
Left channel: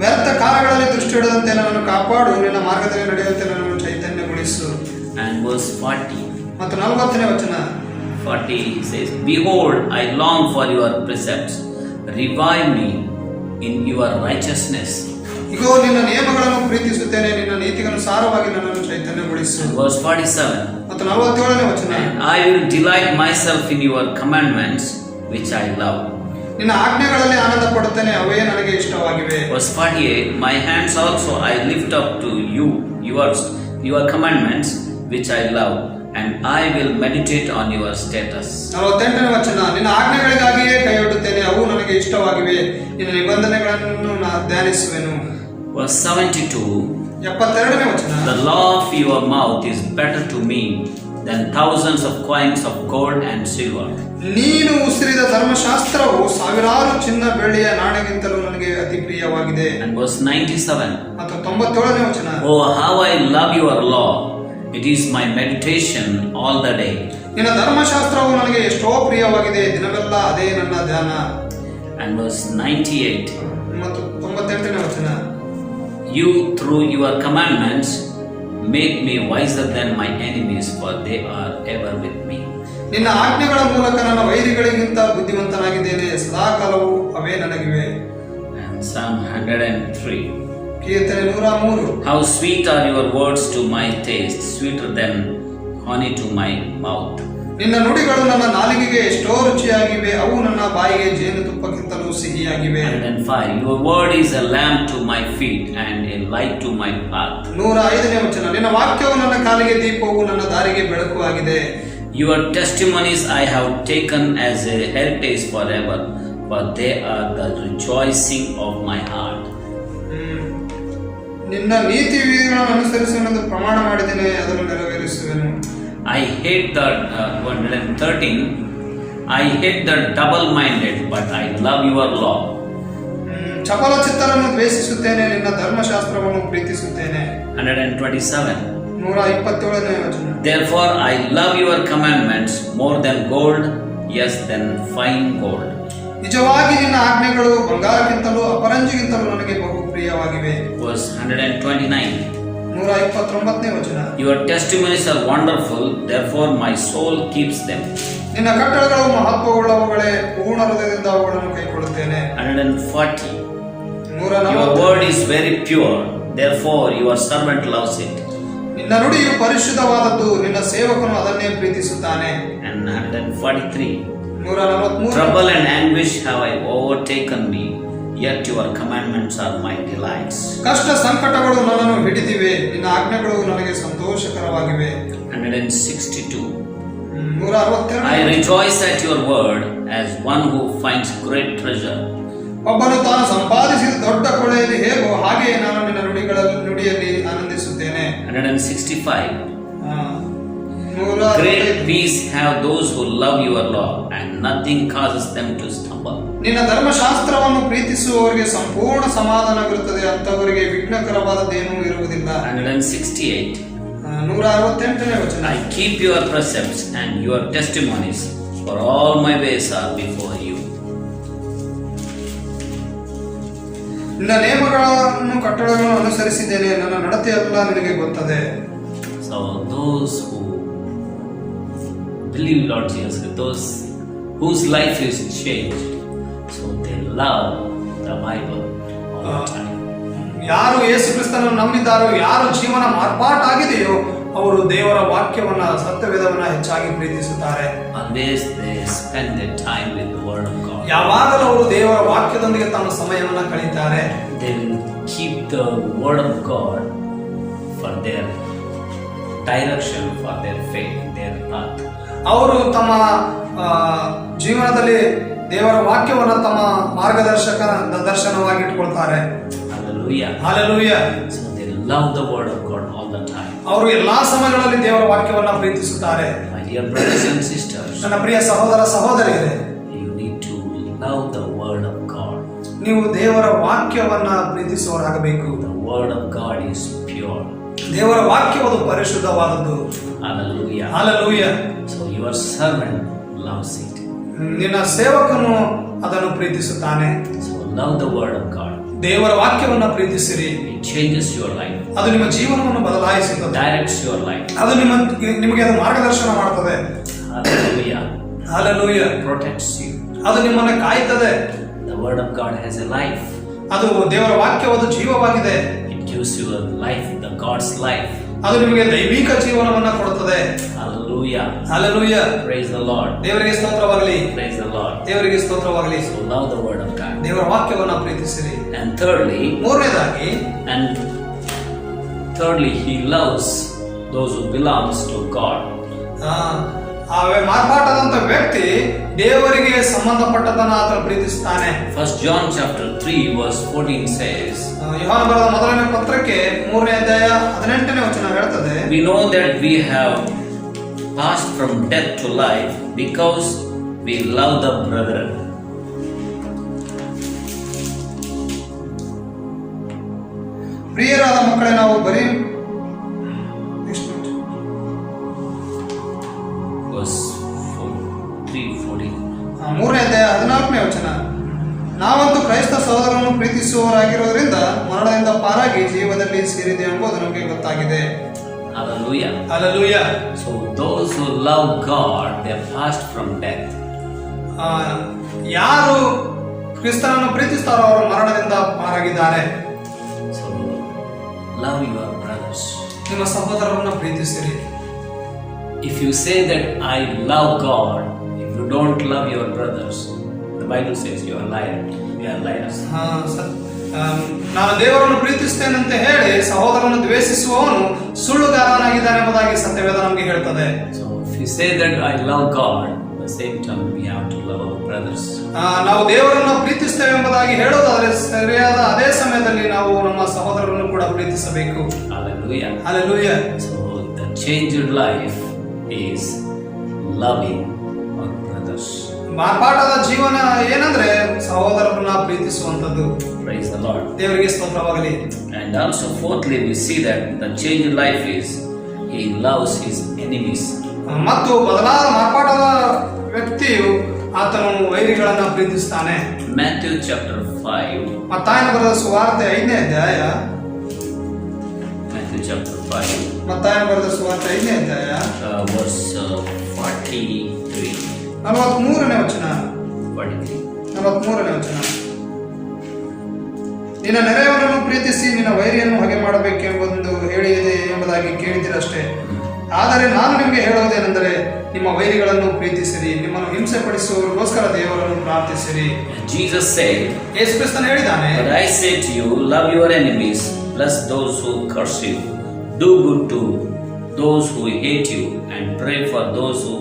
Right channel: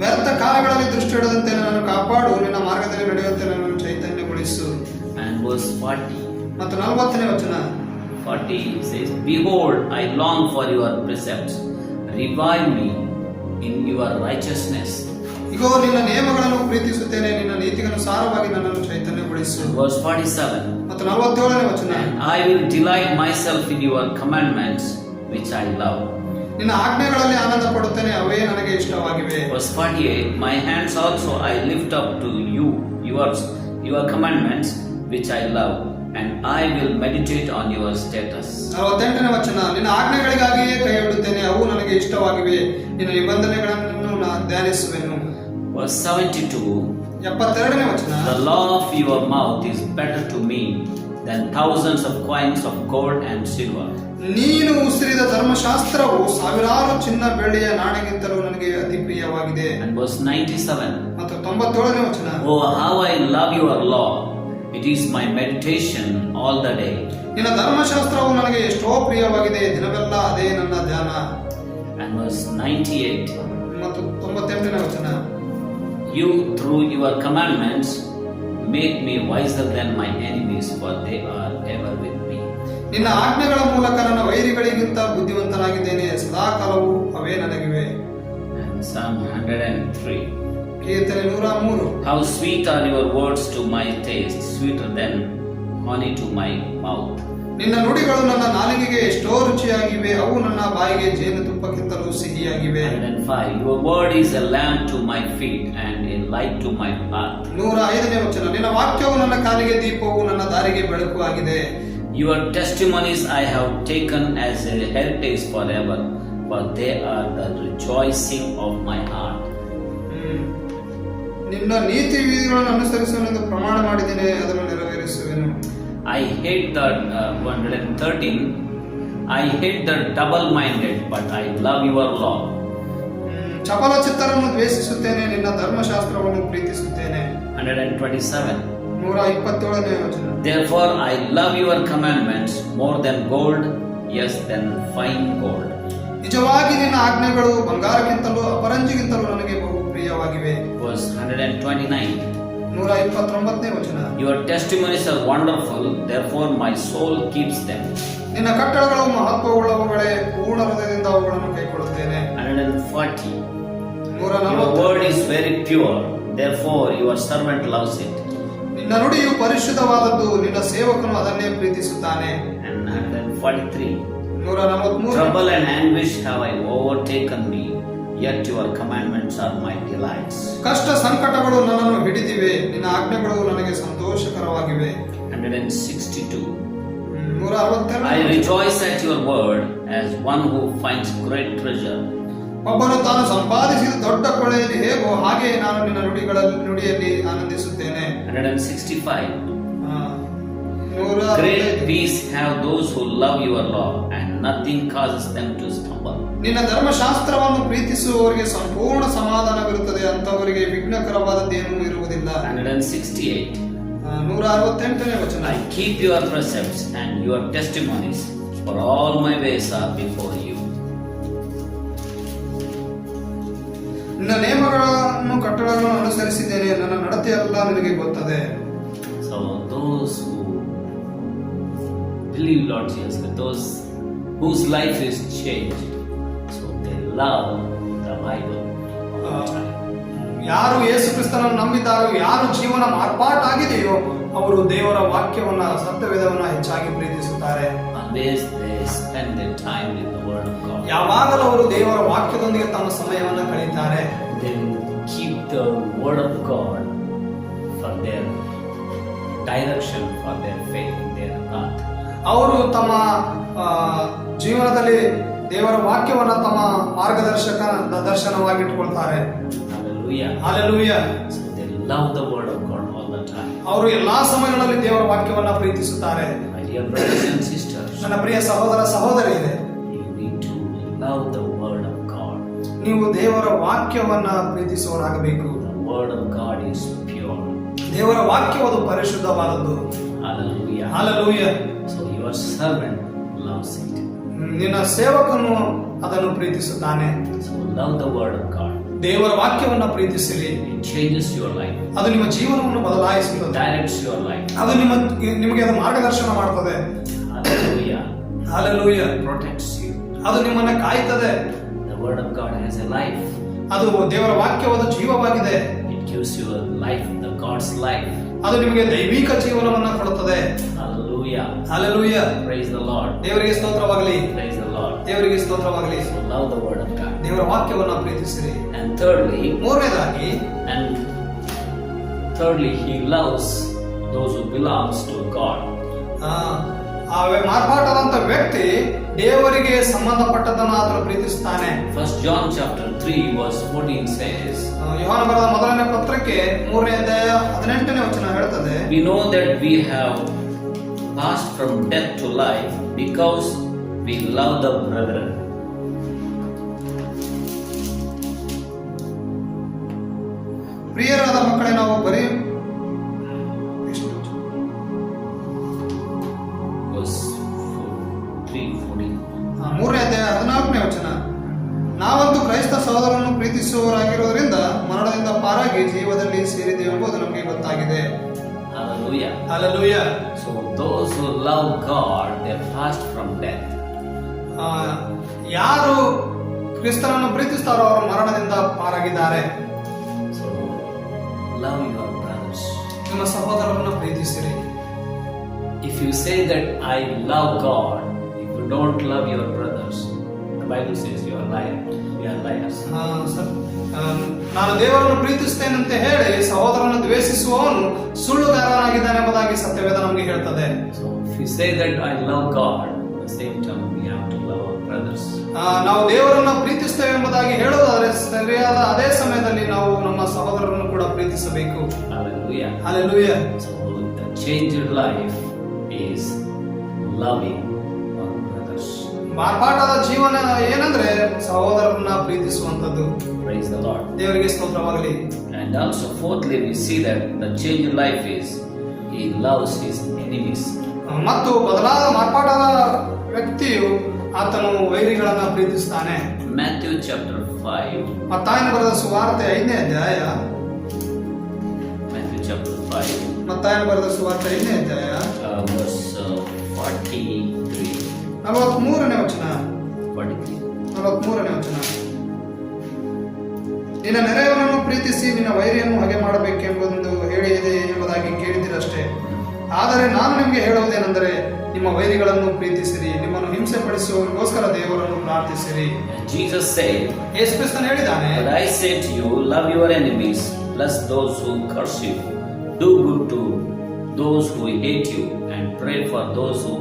ವ್ಯರ್ಥ ಕಾರ್ಯಗಳಲ್ಲಿ ದೃಷ್ಟಿ ಇಡದಂತೆ ನನ್ನನ್ನು ಕಾಪಾಡು, ನಿನ್ನ ಮಾರ್ಗದಲ್ಲಿ ನಡೆಯುವಂತೆ ನನ್ನನ್ನು ಚೈತನ್ಯಗೊಳಿಸು. And verse 40. ಮತ್ತು 40ನೇ ವಚನ. 40 says, Behold, I long for your precepts. Revive me in your righteousness. ಇಗೋ ನಿನ್ನ ನಿಯಮಗಳನ್ನು ಪ್ರೀತಿಸುತ್ತೇನೆ, ನಿನ್ನ ನೀತಿಗನುಸಾರವಾಗಿ ನನ್ನನ್ನು ಚೈತನ್ಯಗೊಳಿಸು. Verse 47. ಮತ್ತು 47ನೇ ವಚನ. And I will delight myself in your commandments, which I love. ನಿನ್ನ ಆಜ್ಞೆಗಳಲ್ಲಿ ಆನಂದ ಪಡುತ್ತೇನೆ, ಅವೇ ನನಗೆ ಇಷ್ಟವಾಗಿವೆ. Verse 48. My hands also I lift up to you, your commandments, which I love, and I will meditate on your status. 48ನೇ ವಚನ. ನಿನ್ನ ಆಜ್ಞೆಗಳಿಗಾಗಿಯೇ ಕೈಯೊಡ್ಡುತ್ತೇನೆ, ಅವು ನನಗೆ ಇಷ್ಟವಾಗಿವೆ, ನಿನ್ನ ನಿಬಂಧನೆಗಳನ್ನು ನಾನು ಧ್ಯಾನಿಸುವೆನು. Verse 72. 72ನೇ ವಚನ. The law of your mouth is better to me than thousands of coins of gold and silver. ನೀನು ಉಸಿರಿದ ಧರ್ಮಶಾಸ್ತ್ರವು ಸಾವಿರಾರು ಚಿನ್ನ ಬೆಳ್ಳಿಯ ನಾಣ್ಯಕ್ಕಿಂತಲೂ ನನಗೆ ಅತಿ ಪ್ರಿಯವಾಗಿದೆ. And verse 97. ಮತ್ತು 97ನೇ ವಚನ. Oh, how I love your law. It is my meditation all the day. ನಿನ್ನ ಧರ್ಮಶಾಸ್ತ್ರವು ನನಗೆ ಎಷ್ಟೋ ಪ್ರಿಯವಾಗಿದೆ, ದಿನವೆಲ್ಲ ಅದೇ ನನ್ನ ಧ್ಯಾನ. And verse 98. ಮತ್ತು 98ನೇ ವಚನ. You through your commandments make me wiser than my enemies, for they are ever with me. ನಿನ್ನ ಆಜ್ಞೆಗಳ ಮೂಲಕ ನನ್ನ ವೈರಿಗಳಿಗಿಂತ ಬುದ್ಧಿವಂತನಾಗಿದ್ದೇನೆ, ಸದಾಕಾಲವೂ ಅವೇ ನನಗಿವೆ. And Psalm 103. ಕೀರ್ತನೆ 103. How sweet are your words to my taste, sweeter than honey to my mouth. ನಿನ್ನ ನುಡಿಗಳು ನನ್ನ ನಾಲಿಗೆಗೆ ಎಷ್ಟೋ ರುಚಿಯಾಗಿವೆ, ಅವು ನನ್ನ ಬಾಯಿಗೆ ಜೇನುತುಪ್ಪಕ್ಕಿಂತಲೂ ಸಿಹಿಯಾಗಿವೆ. 105. Your word is a lamp to my feet and a light to my path. 105ನೇ ವಚನ. ನಿನ್ನ ವಾಕ್ಯವು ನನ್ನ ಕಾಲಿಗೆ ದೀಪವು, ನನ್ನ ದಾರಿಗೆ ಬೆಳಕು ಆಗಿದೆ. Your testimonies I have taken as a heritage forever, for they are the rejoicing of my heart. ನಿನ್ನ ನೀತಿ ವಿಧಿಗಳನ್ನು ಅನುಸರಿಸಲೆಂದು ಪ್ರಮಾಣ ಮಾಡಿದ್ದೇನೆ, ಅದನ್ನು ನೆರವೇರಿಸುವೆನು. I hate that 113. I hate the double-minded, but I love your law. ಚಪಲ ಚಿತ್ತರನ್ನು ದ್ವೇಷಿಸುತ್ತೇನೆ, ನಿನ್ನ ಧರ್ಮಶಾಸ್ತ್ರವನ್ನು ಪ್ರೀತಿಸುತ್ತೇನೆ. 127. 127ನೇ ವಚನ. Therefore I love your commandments more than gold, yes, than fine gold. ನಿಜವಾಗಿ ನಿನ್ನ ಆಜ್ಞೆಗಳು ಬಂಗಾರಕ್ಕಿಂತಲೂ ಅಪರಂಜಿಗಿಂತಲೂ ನನಗೆ ಬಹು ಪ್ರಿಯವಾಗಿವೆ. Verse 129. 129ನೇ ವಚನ. Your testimonies are wonderful, therefore my soul keeps them. ನಿನ್ನ ಕಟ್ಟಳೆಗಳು ಮಹತ್ವವುಳ್ಳವುಗಳೇ, ಪೂರ್ಣ ಹೃದಯದಿಂದ ಅವುಗಳನ್ನು ಕೈಕೊಳ್ಳುತ್ತೇನೆ. 140. Your 140. word is very pure, therefore your servant loves it. ನಿನ್ನ ನುಡಿಯು ಪರಿಶುದ್ಧವಾದದ್ದು, ನಿನ್ನ ಸೇವಕನು ಅದನ್ನೇ ಪ್ರೀತಿಸುತ್ತಾನೆ. And 143. 143. Trouble and anguish have I overtaken me, yet your commandments are my delights. ಕಷ್ಟ ಸಂಕಟಗಳು ನನ್ನನ್ನು ಹಿಡಿದಿವೆ, ನಿನ್ನ ಆಜ್ಞೆಗಳು ನನಗೆ ಸಂತೋಷಕರವಾಗಿವೆ. 162. 162. I rejoice at your word as one who finds great treasure. ಒಬ್ಬನು ತಾನು ಸಂಪಾದಿಸಿದ ದೊಡ್ಡ ಕೊಳೆಯಲ್ಲಿ ಹೇಗೋ ಹಾಗೆ ನಾನು ನಿನ್ನ ನುಡಿಯಲ್ಲಿ ಆನಂದಿಸುತ್ತೇನೆ. 165. ಆ, Great peace have those who love your law, and nothing causes them to stumble. ನಿನ್ನ ಧರ್ಮಶಾಸ್ತ್ರವನ್ನು ಪ್ರೀತಿಸುವವರಿಗೆ ಸಂಪೂರ್ಣ ಸಮಾಧಾನವಿರುತ್ತದೆ, ಅಂತವರಿಗೆ ವಿಘ್ನಕರವಾದದ್ದೇನೂ ಇರುವುದಿಲ್ಲ. 168. 168ನೇ ವಚನ. I keep your precepts and your testimonies, for all my ways are before you. ನಿನ್ನ ನೇಮಗಳನ್ನು ಕಟ್ಟಳೆಗಳನ್ನು ಅನುಸರಿಸಿದ್ದೇನೆ, ನನ್ನ ನಡತೆಯೆಲ್ಲ ನನಗೆ ಗೊತ್ತದೆ. So those who believe Lord Jesus, those whose life is changed, so they love the Bible all the time. ಯಾರು ಯೇಸು ಕ್ರಿಸ್ತನನ್ನು ನಂಬಿದ್ದಾರೋ, ಯಾರು ಜೀವನ ಮಾರ್ಪಾಟಾಗಿದೆಯೋ, ಅವರು ದೇವರ ವಾಕ್ಯವನ್ನ, ಸತ್ಯವೇದವನ್ನ ಹೆಚ್ಚಾಗಿ ಪ್ರೀತಿಸುತ್ತಾರೆ. Always they spend their time with the Word of God. ಯಾವಾಗಲೂ ಅವರು ದೇವರ ವಾಕ್ಯದೊಂದಿಗೆ ತಮ್ಮ ಸಮಯವನ್ನು ಕಳೆಯುತ್ತಾರೆ. They keep the Word of God for their direction, for their faith, their path. ಅವರು ತಮ್ಮ ಜೀವನದಲ್ಲಿ ದೇವರ ವಾಕ್ಯವನ್ನ ತಮ್ಮ ಮಾರ್ಗದರ್ಶಕ ದರ್ಶನವಾಗಿ ಇಟ್ಕೊಳ್ತಾರೆ. Hallelujah. Hallelujah. So they love the Word of God all the time. ಅವರು ಎಲ್ಲಾ ಸಮಯಗಳಲ್ಲಿ ದೇವರ ವಾಕ್ಯವನ್ನ ಪ್ರೀತಿಸುತ್ತಾರೆ. My dear brothers and sisters, ನನ್ನ ಪ್ರಿಯ ಸಹೋದರ ಸಹೋದರಿಯರೇ, you need to love the Word of God. ನೀವು ದೇವರ ವಾಕ್ಯವನ್ನ ಪ್ರೀತಿಸುವವರಾಗಬೇಕು. The Word of God is pure. ದೇವರ ವಾಕ್ಯವು ಪರಿಶುದ್ಧವಾದದ್ದು. Hallelujah. Hallelujah. So your servant loves it. ನಿನ್ನ ಸೇವಕನು ಅದನ್ನು ಪ್ರೀತಿಸುತ್ತಾನೆ. So love the Word of God. ದೇವರ ವಾಕ್ಯವನ್ನ ಪ್ರೀತಿಸಿರಿ. It changes your life. ಅದು ನಿಮ್ಮ ಜೀವನವನ್ನು ಬದಲಾಯಿಸುತ್ತದೆ. Directs your life. ಅದು ನಿಮಗೆ ಅದು ಮಾರ್ಗದರ್ಶನ ಮಾಡುತ್ತದೆ. Hallelujah. Hallelujah. It protects you. ಅದು ನಿಮ್ಮನ್ನು ಕಾಯುತ್ತದೆ. The Word of God has a life. ಅದು ದೇವರ ವಾಕ್ಯವಾದ ಜೀವವಾಗಿದೆ. It gives you a life, the God's life. ಅದು ನಿಮಗೆ ದೈವಿಕ ಜೀವನವನ್ನ ಕೊಡುತ್ತದೆ. Hallelujah. Hallelujah. Praise the Lord. ದೇವರಿಗೆ ಸ್ತೋತ್ರವಾಗಲಿ. Praise the Lord. ದೇವರಿಗೆ ಸ್ತೋತ್ರವಾಗಲಿ. So love the Word of God. ದೇವರ ವಾಕ್ಯವನ್ನ ಪ್ರೀತಿಸಿರಿ. And thirdly, he loves those who belongs to God. ಮಾರ್ಪಾಟಾದಂತ ವ್ಯಕ್ತಿ ದೇವರಿಗೆ ಸಂಬಂಧಪಟ್ಟದನ್ನ ಆತನು ಪ್ರೀತಿಸುತ್ತಾನೆ. 1 John chapter 3 verse 14 says, ಯೋಹಾನ ಬರೆದ ಮೊದಲನೇ ಪತ್ರಕ್ಕೆ 3ನೇ ಅಧ್ಯಾಯ 18ನೇ ವಚನ ಹೇಳುತ್ತದೆ, we know that we have passed from death to life because we love the brethren. ಪ್ರಿಯರಾದ ಮಕ್ಕಳೇ, ನಾವು ಬರೀ Verse 3:14. 3ನೇ ಅಧ್ಯಾಯ 14ನೇ ವಚನ, ನಾವಂತೂ ಕ್ರೈಸ್ತ ಸಹೋದರರನ್ನು ಪ್ರೀತಿಸುವವರಾಗಿರೋದ್ರಿಂದ ಮರಣದಿಂದ ಪಾರಾಗಿ ಜೀವದಲ್ಲಿ ಸೇರಿದೆ ಎಂಬುದು ನಮಗೆ ಗೊತ್ತಾಗಿದೆ. Hallelujah. Hallelujah. So those who love God, they are passed from death. ಯಾರು ಕ್ರಿಸ್ತನನ್ನು ಪ್ರೀತಿಸ್ತಾರೋ ಅವರು ಮರಣದಿಂದ ಪಾರಾಗಿದ್ದಾರೆ. So love your brothers. ನಿಮ್ಮ ಸಹೋದರರನ್ನು ಪ್ರೀತಿಸಿರಿ. If you say that I love God, if you don't love your brothers, the Bible says you are liar. You are liars. ನಾನು ದೇವರನ್ನು ಪ್ರೀತಿಸ್ತೇನೆ ಅಂತ ಹೇಳಿ ಸಹೋದರನನ್ನು ದ್ವೇಷಿಸುವವನು ಸುಳ್ಳುಗಾರನಾಗಿದ್ದಾನೆ ಎಂಬುದಾಗಿ ಸತ್ಯವೇದ ನಮಗೆ ಹೇಳ್ತದೆ. So if you say that I love God, at the same time we have to love our brothers. ನಾವು ದೇವರನ್ನು ಪ್ರೀತಿಸ್ತೇವೆ ಎಂಬುದಾಗಿ ಹೇಳೋದಾದ್ರೆ ಸರಿಯಾದ ಅದೇ ಸಮಯದಲ್ಲಿ ನಾವು ನಮ್ಮ ಸಹೋದರರನ್ನು ಕೂಡ ಪ್ರೀತಿಸಬೇಕು. Hallelujah. Hallelujah. So the changed life is loving our brothers. ಮಾರ್ಪಾಟಾದ ಜೀವನ ಏನಂದ್ರೆ ಸಹೋದರರನ್ನ ಪ್ರೀತಿಸುವಂತದ್ದು. Praise the Lord. ದೇವರಿಗೆ ಸ್ತೋತ್ರವಾಗಲಿ. And also fourthly, we see that the changed life is he loves his enemies. ಮತ್ತು ಬದಲಾದ ಮಾರ್ಪಾಟಾದ ವ್ಯಕ್ತಿಯು ಆತನು ವೈರಿಗಳನ್ನ ಪ್ರೀತಿಸ್ತಾನೆ. Matthew chapter 5. ಮತ್ತಾಯನ ಬರೆದ ಸುವಾರ್ತೆ 5ನೇ ಅಧ್ಯಾಯ. Matthew chapter 5. ಮತ್ತಾಯನ ಬರೆದ ಸುವಾರ್ತೆ 5ನೇ ಅಧ್ಯಾಯ Verse 43. 43ನೇ ವಚನ. 43. 43ನೇ ವಚನ. ನಿನ್ನ ನೆರೆಯವರನ್ನು ಪ್ರೀತಿಸಿ ನಿನ್ನ ವೈರಿಯನ್ನು ಹಾಗೆ ಮಾಡಬೇಕೆಂಬುದು ಹೇಳಿದೆ ಎಂಬುದಾಗಿ ಕೇಳಿದಿರಷ್ಟೇ. ಆದರೆ ನಾನು ನಿಮಗೆ ಹೇಳುವುದೇನೆಂದರೆ ನಿಮ್ಮ ವೈರಿಗಳನ್ನು ಪ್ರೀತಿಸಿರಿ, ನಿಮ್ಮನ್ನು ಹಿಂಸೆ ಪಡಿಸುವವರಿಗೋಸ್ಕರ ದೇವರನ್ನು ಪ್ರಾರ್ಥಿಸಿರಿ. Jesus said, ಯೇಸು ಕ್ರಿಸ್ತನು ಹೇಳಿದ್ದಾನೆ, but I say to you, love your enemies, bless those who curse you, do good to those who hate you, and pray for those who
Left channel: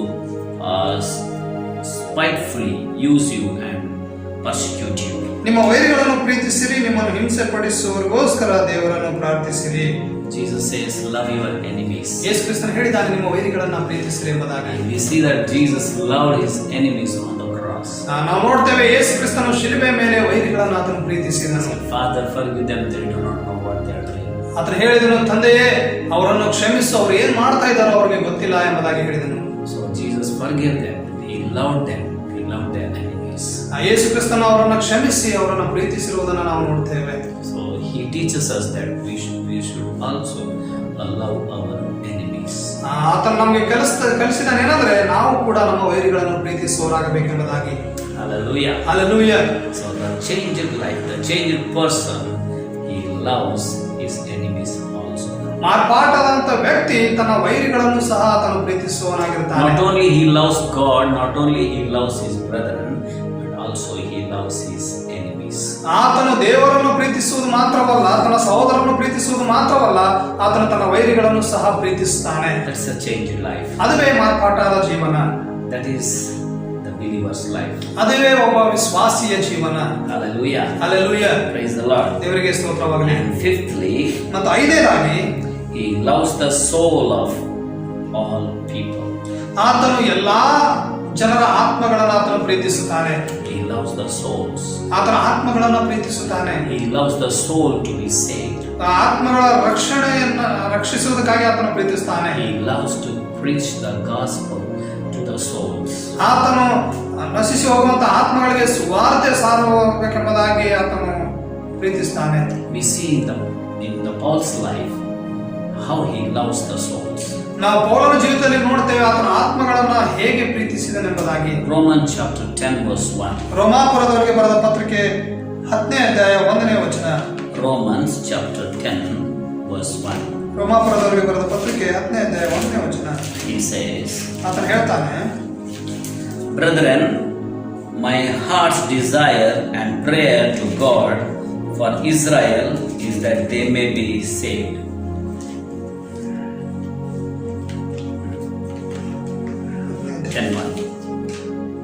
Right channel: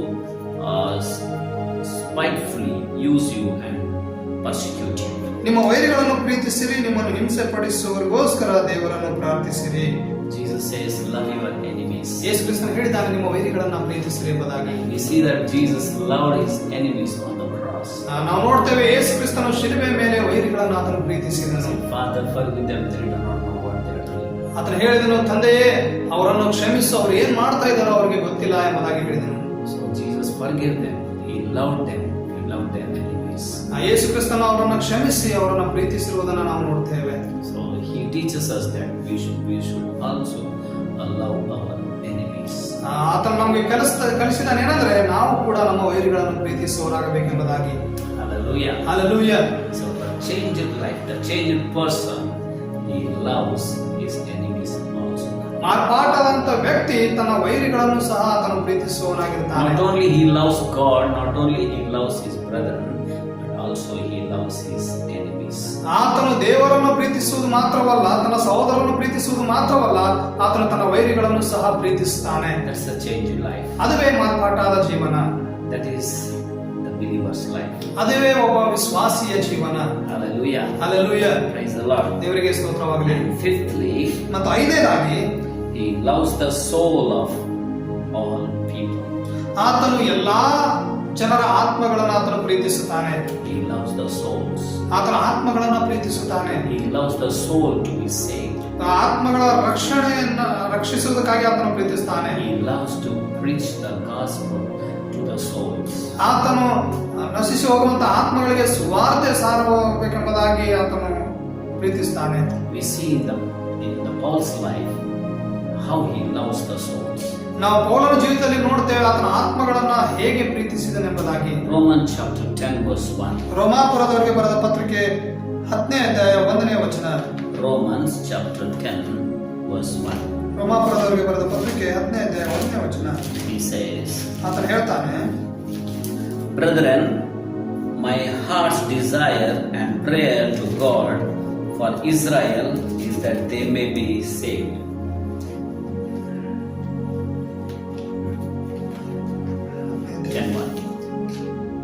spitefully use you and persecute you. ನಿಮ್ಮ ವೈರಿಗಳನ್ನು ಪ್ರೀತಿಸಿರಿ, ನಿಮ್ಮನ್ನು ಹಿಂಸೆ ಪಡಿಸುವವರಿಗೋಸ್ಕರ ದೇವರನ್ನು ಪ್ರಾರ್ಥಿಸಿರಿ. Jesus says, love your enemies. ಯೇಸು ಕ್ರಿಸ್ತನು ಹೇಳಿದ್ದಾನೆ, ನಿಮ್ಮ ವೈರಿಗಳನ್ನು ಪ್ರೀತಿಸಿರಿ ಎಂಬುದಾಗಿ. We see that Jesus loved his enemies on the cross. ನಾವು ನೋಡ್ತೇವೆ ಯೇಸು ಕ್ರಿಸ್ತನು ಶಿಲುಬೆ ಮೇಲೆ ವೈರಿಗಳನ್ನು ಆತನು ಪ್ರೀತಿಸಿದನು. Father, forgive them, they do not know what they are doing. ಆತನು ಹೇಳಿದನು, ತಂದೆಯೇ ಅವರನ್ನು ಕ್ಷಮಿಸು, ಅವರು ಏನ್ ಮಾಡ್ತಾ ಇದ್ದಾರೋ ಅವರಿಗೆ ಗೊತ್ತಿಲ್ಲ ಎಂಬುದಾಗಿ ಹೇಳಿದನು. So Jesus forgave them. He loved them. He loved their enemies. ಯೇಸು ಕ್ರಿಸ್ತನು ಅವರನ್ನು ಕ್ಷಮಿಸಿ ಅವರನ್ನು ಪ್ರೀತಿಸಿರುವುದನ್ನು ನಾವು ನೋಡ್ತೇವೆ. So he teaches us that we should also love our enemies. ಆತನು ನಮಗೆ ಕಲಿಸಿದಾನೆ ಏನಂದ್ರೆ ನಾವು ಕೂಡ ನಮ್ಮ ವೈರಿಗಳನ್ನು ಪ್ರೀತಿಸುವವರಾಗಬೇಕೆಂಬುದಾಗಿ. Hallelujah. Hallelujah. So the changed life, the changed person, he loves his enemies also. ಮಾರ್ಪಾಟಾದಂತ ವ್ಯಕ್ತಿ ತನ್ನ ವೈರಿಗಳನ್ನು ಸಹ ಆತನು ಪ್ರೀತಿಸುವವನಾಗಿರ್ತಾನೆ. Not only he loves God, not only he loves his brethren, but also he loves his enemies. ಆತನು ದೇವರನ್ನು ಪ್ರೀತಿಸುವುದು ಮಾತ್ರವಲ್ಲ, ತನ್ನ ಸಹೋದರನ್ನು ಪ್ರೀತಿಸುವುದು ಮಾತ್ರವಲ್ಲ, ಆತನು ತನ್ನ ವೈರಿಗಳನ್ನು ಸಹ ಪ್ರೀತಿಸುತ್ತಾನೆ. That's a changed life. ಅದುವೇ ಮಾರ್ಪಾಟಾದ ಜೀವನ. That is the believer's life. ಅದುವೇ ಒಬ್ಬ ವಿಶ್ವಾಸಿಯ ಜೀವನ. Hallelujah. Hallelujah. Praise the Lord. ದೇವರಿಗೆ ಸ್ತೋತ್ರವಾಗಲಿ. And fifthly, ಮತ್ತು ಐದನೇದಾಗಿ he loves the soul of all people. ಆತನು ಎಲ್ಲಾ ಜನರ ಆತ್ಮಗಳನ್ನು ಆತನು ಪ್ರೀತಿಸುತ್ತಾನೆ. He loves the souls. ಆತನ ಆತ್ಮಗಳನ್ನು ಪ್ರೀತಿಸುತ್ತಾನೆ. He loves the soul to be saved. ಆ ಆತ್ಮಗಳ ರಕ್ಷಣೆಯನ್ನು ರಕ್ಷಿಸುವುದಕ್ಕಾಗಿ ಆತನು ಪ್ರೀತಿಸುತ್ತಾನೆ. He loves to preach the gospel to the souls. ಆತನು ನಶಿಸಿ ಹೋಗುವಂತ ಆತ್ಮಗಳಿಗೆ ಸುವಾರ್ತೆ ಸಾರಬೇಕೆಂಬುದಾಗಿ ಆತನು ಪ್ರೀತಿಸುತ್ತಾನೆ. We see in the Paul's life how he loves the souls. ನಾವು ಪೌಲನ ಜೀವಿತದಲ್ಲಿ ನೋಡ್ತೇವೆ ಆತನ ಆತ್ಮಗಳನ್ನ ಹೇಗೆ ಪ್ರೀತಿಸಿದನೆಂಬುದಾಗಿ. Romans chapter 10 verse 1. ರೋಮಾಪುರದವರಿಗೆ ಬರೆದ ಪತ್ರಿಕೆ 10ನೇ ಅಧ್ಯಾಯ 1ನೇ ವಚನ. Romans chapter 10 verse 1. ರೋಮಾಪುರದವರಿಗೆ ಬರೆದ ಪತ್ರಿಕೆ 10ನೇ ಅಧ್ಯಾಯ 1ನೇ ವಚನ. He says, ಆತನು ಹೇಳ್ತಾನೆ, brethren, my heart's desire and prayer to God for Israel is that they may be saved.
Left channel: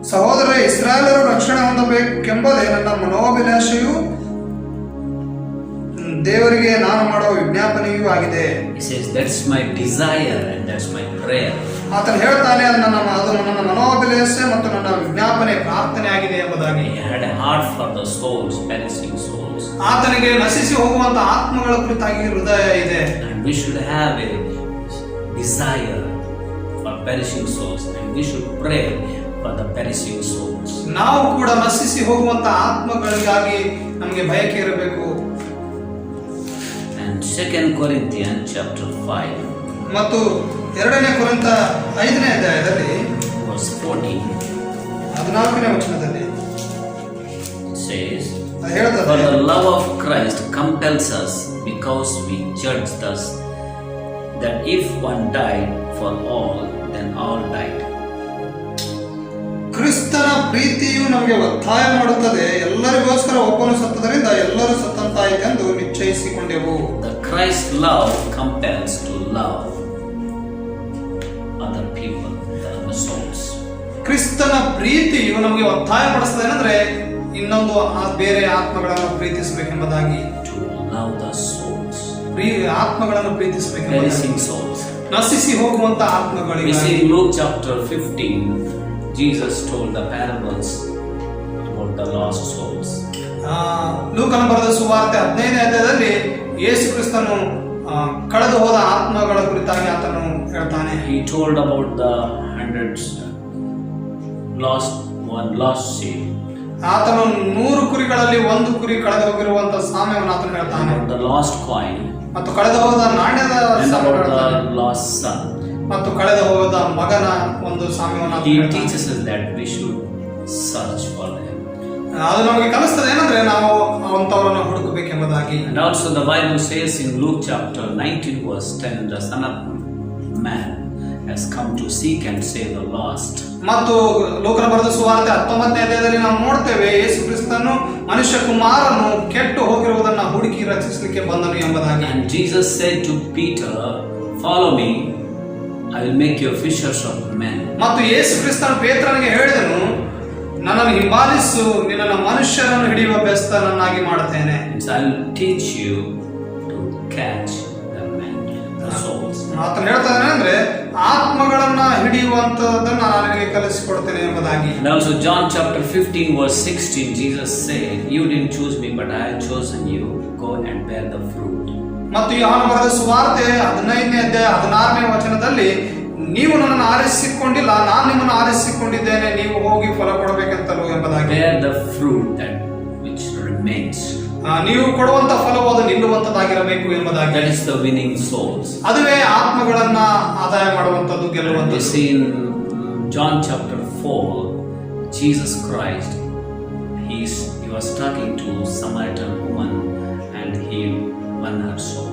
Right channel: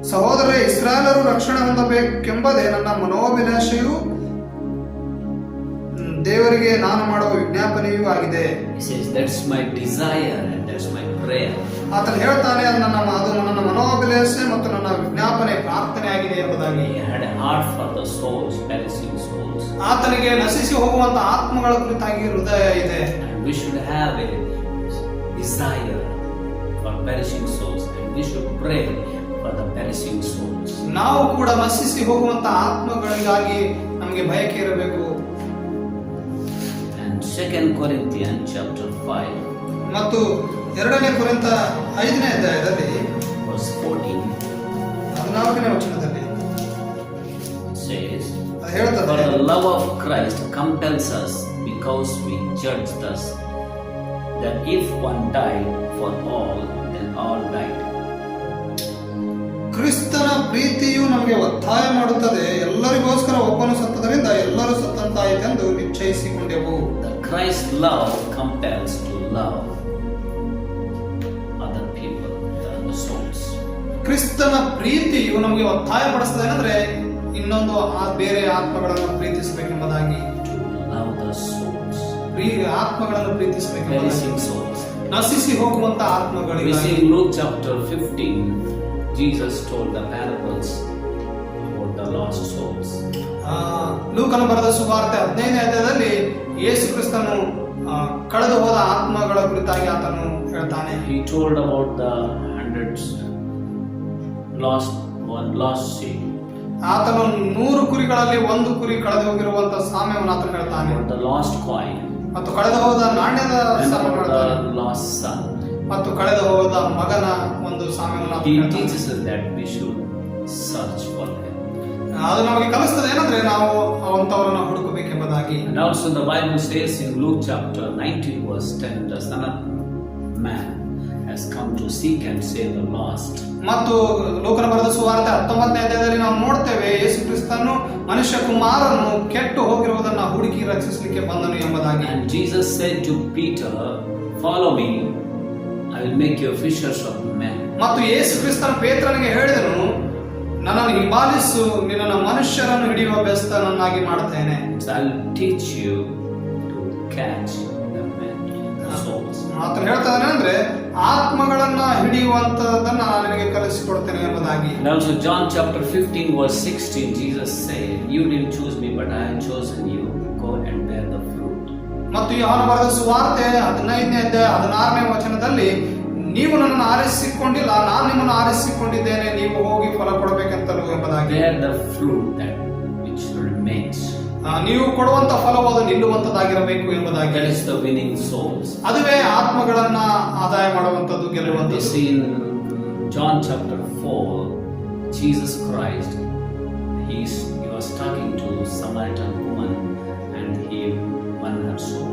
ಸಹೋದರ ಇಸ್ರಾಯೇಲರು ರಕ್ಷಣೆ ಹೊಂದಬೇಕೆಂಬುದೇ ನನ್ನ ಮನೋಭಿಲಾಷೆಯೂ ದೇವರಿಗೆ ನಾನು ಮಾಡುವ ವಿಜ್ಞಾಪನೆಯೂ ಆಗಿದೆ. He says, that's my desire and that's my prayer. ಆತನು ಹೇಳ್ತಾನೆ, ಅದು ನನ್ನ ಮನೋಭಿಲಾಷೆ ಮತ್ತು ನನ್ನ ವಿಜ್ಞಾಪನೆ ಪ್ರಾರ್ಥನೆ ಆಗಿದೆ ಎಂಬುದಾಗಿ. He had a heart for the souls, perishing souls. ಆತನಿಗೆ ನಶಿಸಿ ಹೋಗುವಂತ ಆತ್ಮಗಳ ಕುರಿತಾಗಿ ಹೃದಯ ಇದೆ. And we should have a desire for perishing souls, and we should pray for the perishing souls. ನಾವು ಕೂಡ ನಶಿಸಿ ಹೋಗುವಂತ ಆತ್ಮಗಳಿಗಾಗಿ ನಮಗೆ ಬಯಕೆ ಇರಬೇಕು. And 2 Corinthians chapter 5 ಮತ್ತು 2ನೇ ಕೊರಿಂಥ 5ನೇ ಅಧ್ಯಾಯದಲ್ಲಿ verse 14 14ನೇ ವಚನದಲ್ಲಿ it says, ಅದು for ಹೇಳ್ತದೆ, the love of Christ compels us, because we judge thus, that if one died for all, then all died. ಕ್ರಿಸ್ತನ ಪ್ರೀತಿಯು ನಮಗೆ ಒತ್ತಾಯ ಮಾಡುತ್ತದೆ, ಎಲ್ಲರಿಗೋಸ್ಕರ ಒಬ್ಬನು ಸತ್ತದರಿಂದ ಎಲ್ಲರೂ ಸತ್ತಂತಾಯಿತೆಂದು ನಿಶ್ಚಯಿಸಿಕೊಂಡೆವು. The Christ love compels to love other people and the souls. ಕ್ರಿಸ್ತನ ಪ್ರೀತಿಯು ನಮಗೆ ಒತ್ತಾಯ ಪಡಿಸ್ತದೆ ಏನಂದ್ರೆ ಇನ್ನೊಂದು ಬೇರೆ ಆತ್ಮಗಳನ್ನು ಪ್ರೀತಿಸಬೇಕೆಂಬುದಾಗಿ. To love the souls. ಆತ್ಮಗಳನ್ನು ಪ್ರೀತಿಸಬೇಕು. perishing souls. ನಶಿಸಿ ಹೋಗುವಂತ We ಆತ್ಮಗಳಿಗೆ. see in Luke chapter 15, Jesus told the parables about the lost souls. ಲೂಕನ ಬರೆದ ಸುವಾರ್ತೆ 15ನೇ ಅಧ್ಯಾಯದಲ್ಲಿ ಯೇಸು ಕ್ರಿಸ್ತನು ಕಳೆದು ಹೋದ ಆತ್ಮಗಳ ಕುರಿತಾಗಿ ಆತನು ಹೇಳ್ತಾನೆ. He told about the hundreds lost sheep, ಆತನು 100 ಕುರಿಗಳಲ್ಲಿ 1 ಕುರಿ ಕಳೆದು ಹೋಗಿರುವಂತ ಸಾಮ್ಯವನ್ನು ಆತನು ಹೇಳ್ತಾನೆ. about the lost coin, ಮತ್ತು ಕಳೆದು ಹೋದ ನಾಣ್ಯದ and ಸಾಮ್ಯವನ್ನು about ಹೇಳ್ತಾನೆ. the lost son. ಮತ್ತು ಕಳೆದು ಹೋದ ಮಗನ ಒಂದು ಸಾಮ್ಯವನ್ನು ಆತನು He ಹೇಳ್ತಾನೆ. teaches us that we should search for them. ಅದು ನಮಗೆ ಕಲಿಸ್ತದೆ ಏನಂದ್ರೆ ನಾವು ಅವಂತವರನ್ನು ಹುಡುಕಬೇಕೆಂಬುದಾಗಿ. And also the Bible says in Luke chapter 19 verse 10, the Son of Man has come to seek and save the lost. ಮತ್ತು ಲೋಕನ ಬರೆದ ಸುವಾರ್ತೆ 19ನೇ ಅಧ್ಯಾಯದಲ್ಲಿ ನಾವು ನೋಡ್ತೇವೆ ಯೇಸು ಕ್ರಿಸ್ತನು ಮನುಷ್ಯ ಕುಮಾರನು ಕೆಟ್ಟು ಹೋಗಿರುವುದನ್ನು ಹುಡುಕಿ ರಕ್ಷಿಸಲಿಕ್ಕೆ ಬಂದನು ಎಂಬುದಾಗಿ. And Jesus said to Peter, "Follow me, I will make you fishers of men." ಮತ್ತು ಯೇಸು ಕ್ರಿಸ್ತನು ಪೇತ್ರನಿಗೆ ಹೇಳಿದನು, ನನ್ನನ್ನು ಹಿಂಬಾಲಿಸು, ನಿನ್ನನ್ನು ಮನುಷ್ಯರನ್ನು ಹಿಡಿಯುವ ಬೆಸ್ತನನ್ನಾಗಿ ಮಾಡುತ್ತೇನೆ. So I will teach you to catch the men, the souls. ಆತನು ಹೇಳ್ತಾನೆ ಅಂದ್ರೆ ಆತ್ಮಗಳನ್ನ ಹಿಡಿಯುವಂತದನ್ನ ನಾನು ನಿನಗೆ ಕಲಿಸಿಕೊಡ್ತೇನೆ ಎಂಬುದಾಗಿ. And also John chapter 15 verse 16, Jesus said, "You didn't choose me, but I have chosen you. Go and bear the fruit." ಮತ್ತು ಯೋಹಾನ ಬರೆದ ಸುವಾರ್ತೆ 15ನೇ ಅಧ್ಯಾಯ 16ನೇ ವಚನದಲ್ಲಿ, ನೀವು ನನ್ನನ್ನು ಆರಿಸಿಕೊಂಡಿಲ್ಲ, ನಾನು ನಿಮ್ಮನ್ನು ಆರಿಸಿಕೊಂಡಿದ್ದೇನೆ, ನೀವು ಹೋಗಿ ಫಲ ಕೊಡಬೇಕಂತಲೂ ಎಂಬುದಾಗಿ. Bear the fruit that which remains. ನೀವು ಕೊಡುವಂತ ಫಲವು ಅದು ನಿಲ್ಲುವಂತದ್ದಾಗಿರಬೇಕು ಎಂಬುದಾಗಿ. That is the winning souls. ಅದುವೇ ಆತ್ಮಗಳನ್ನ ಆದಾಯ ಮಾಡುವಂತದ್ದು, We ಗೆಲ್ಲುವಂತದ್ದು. see in John chapter 4, Jesus Christ, he was talking to Samaritan woman and he won her soul.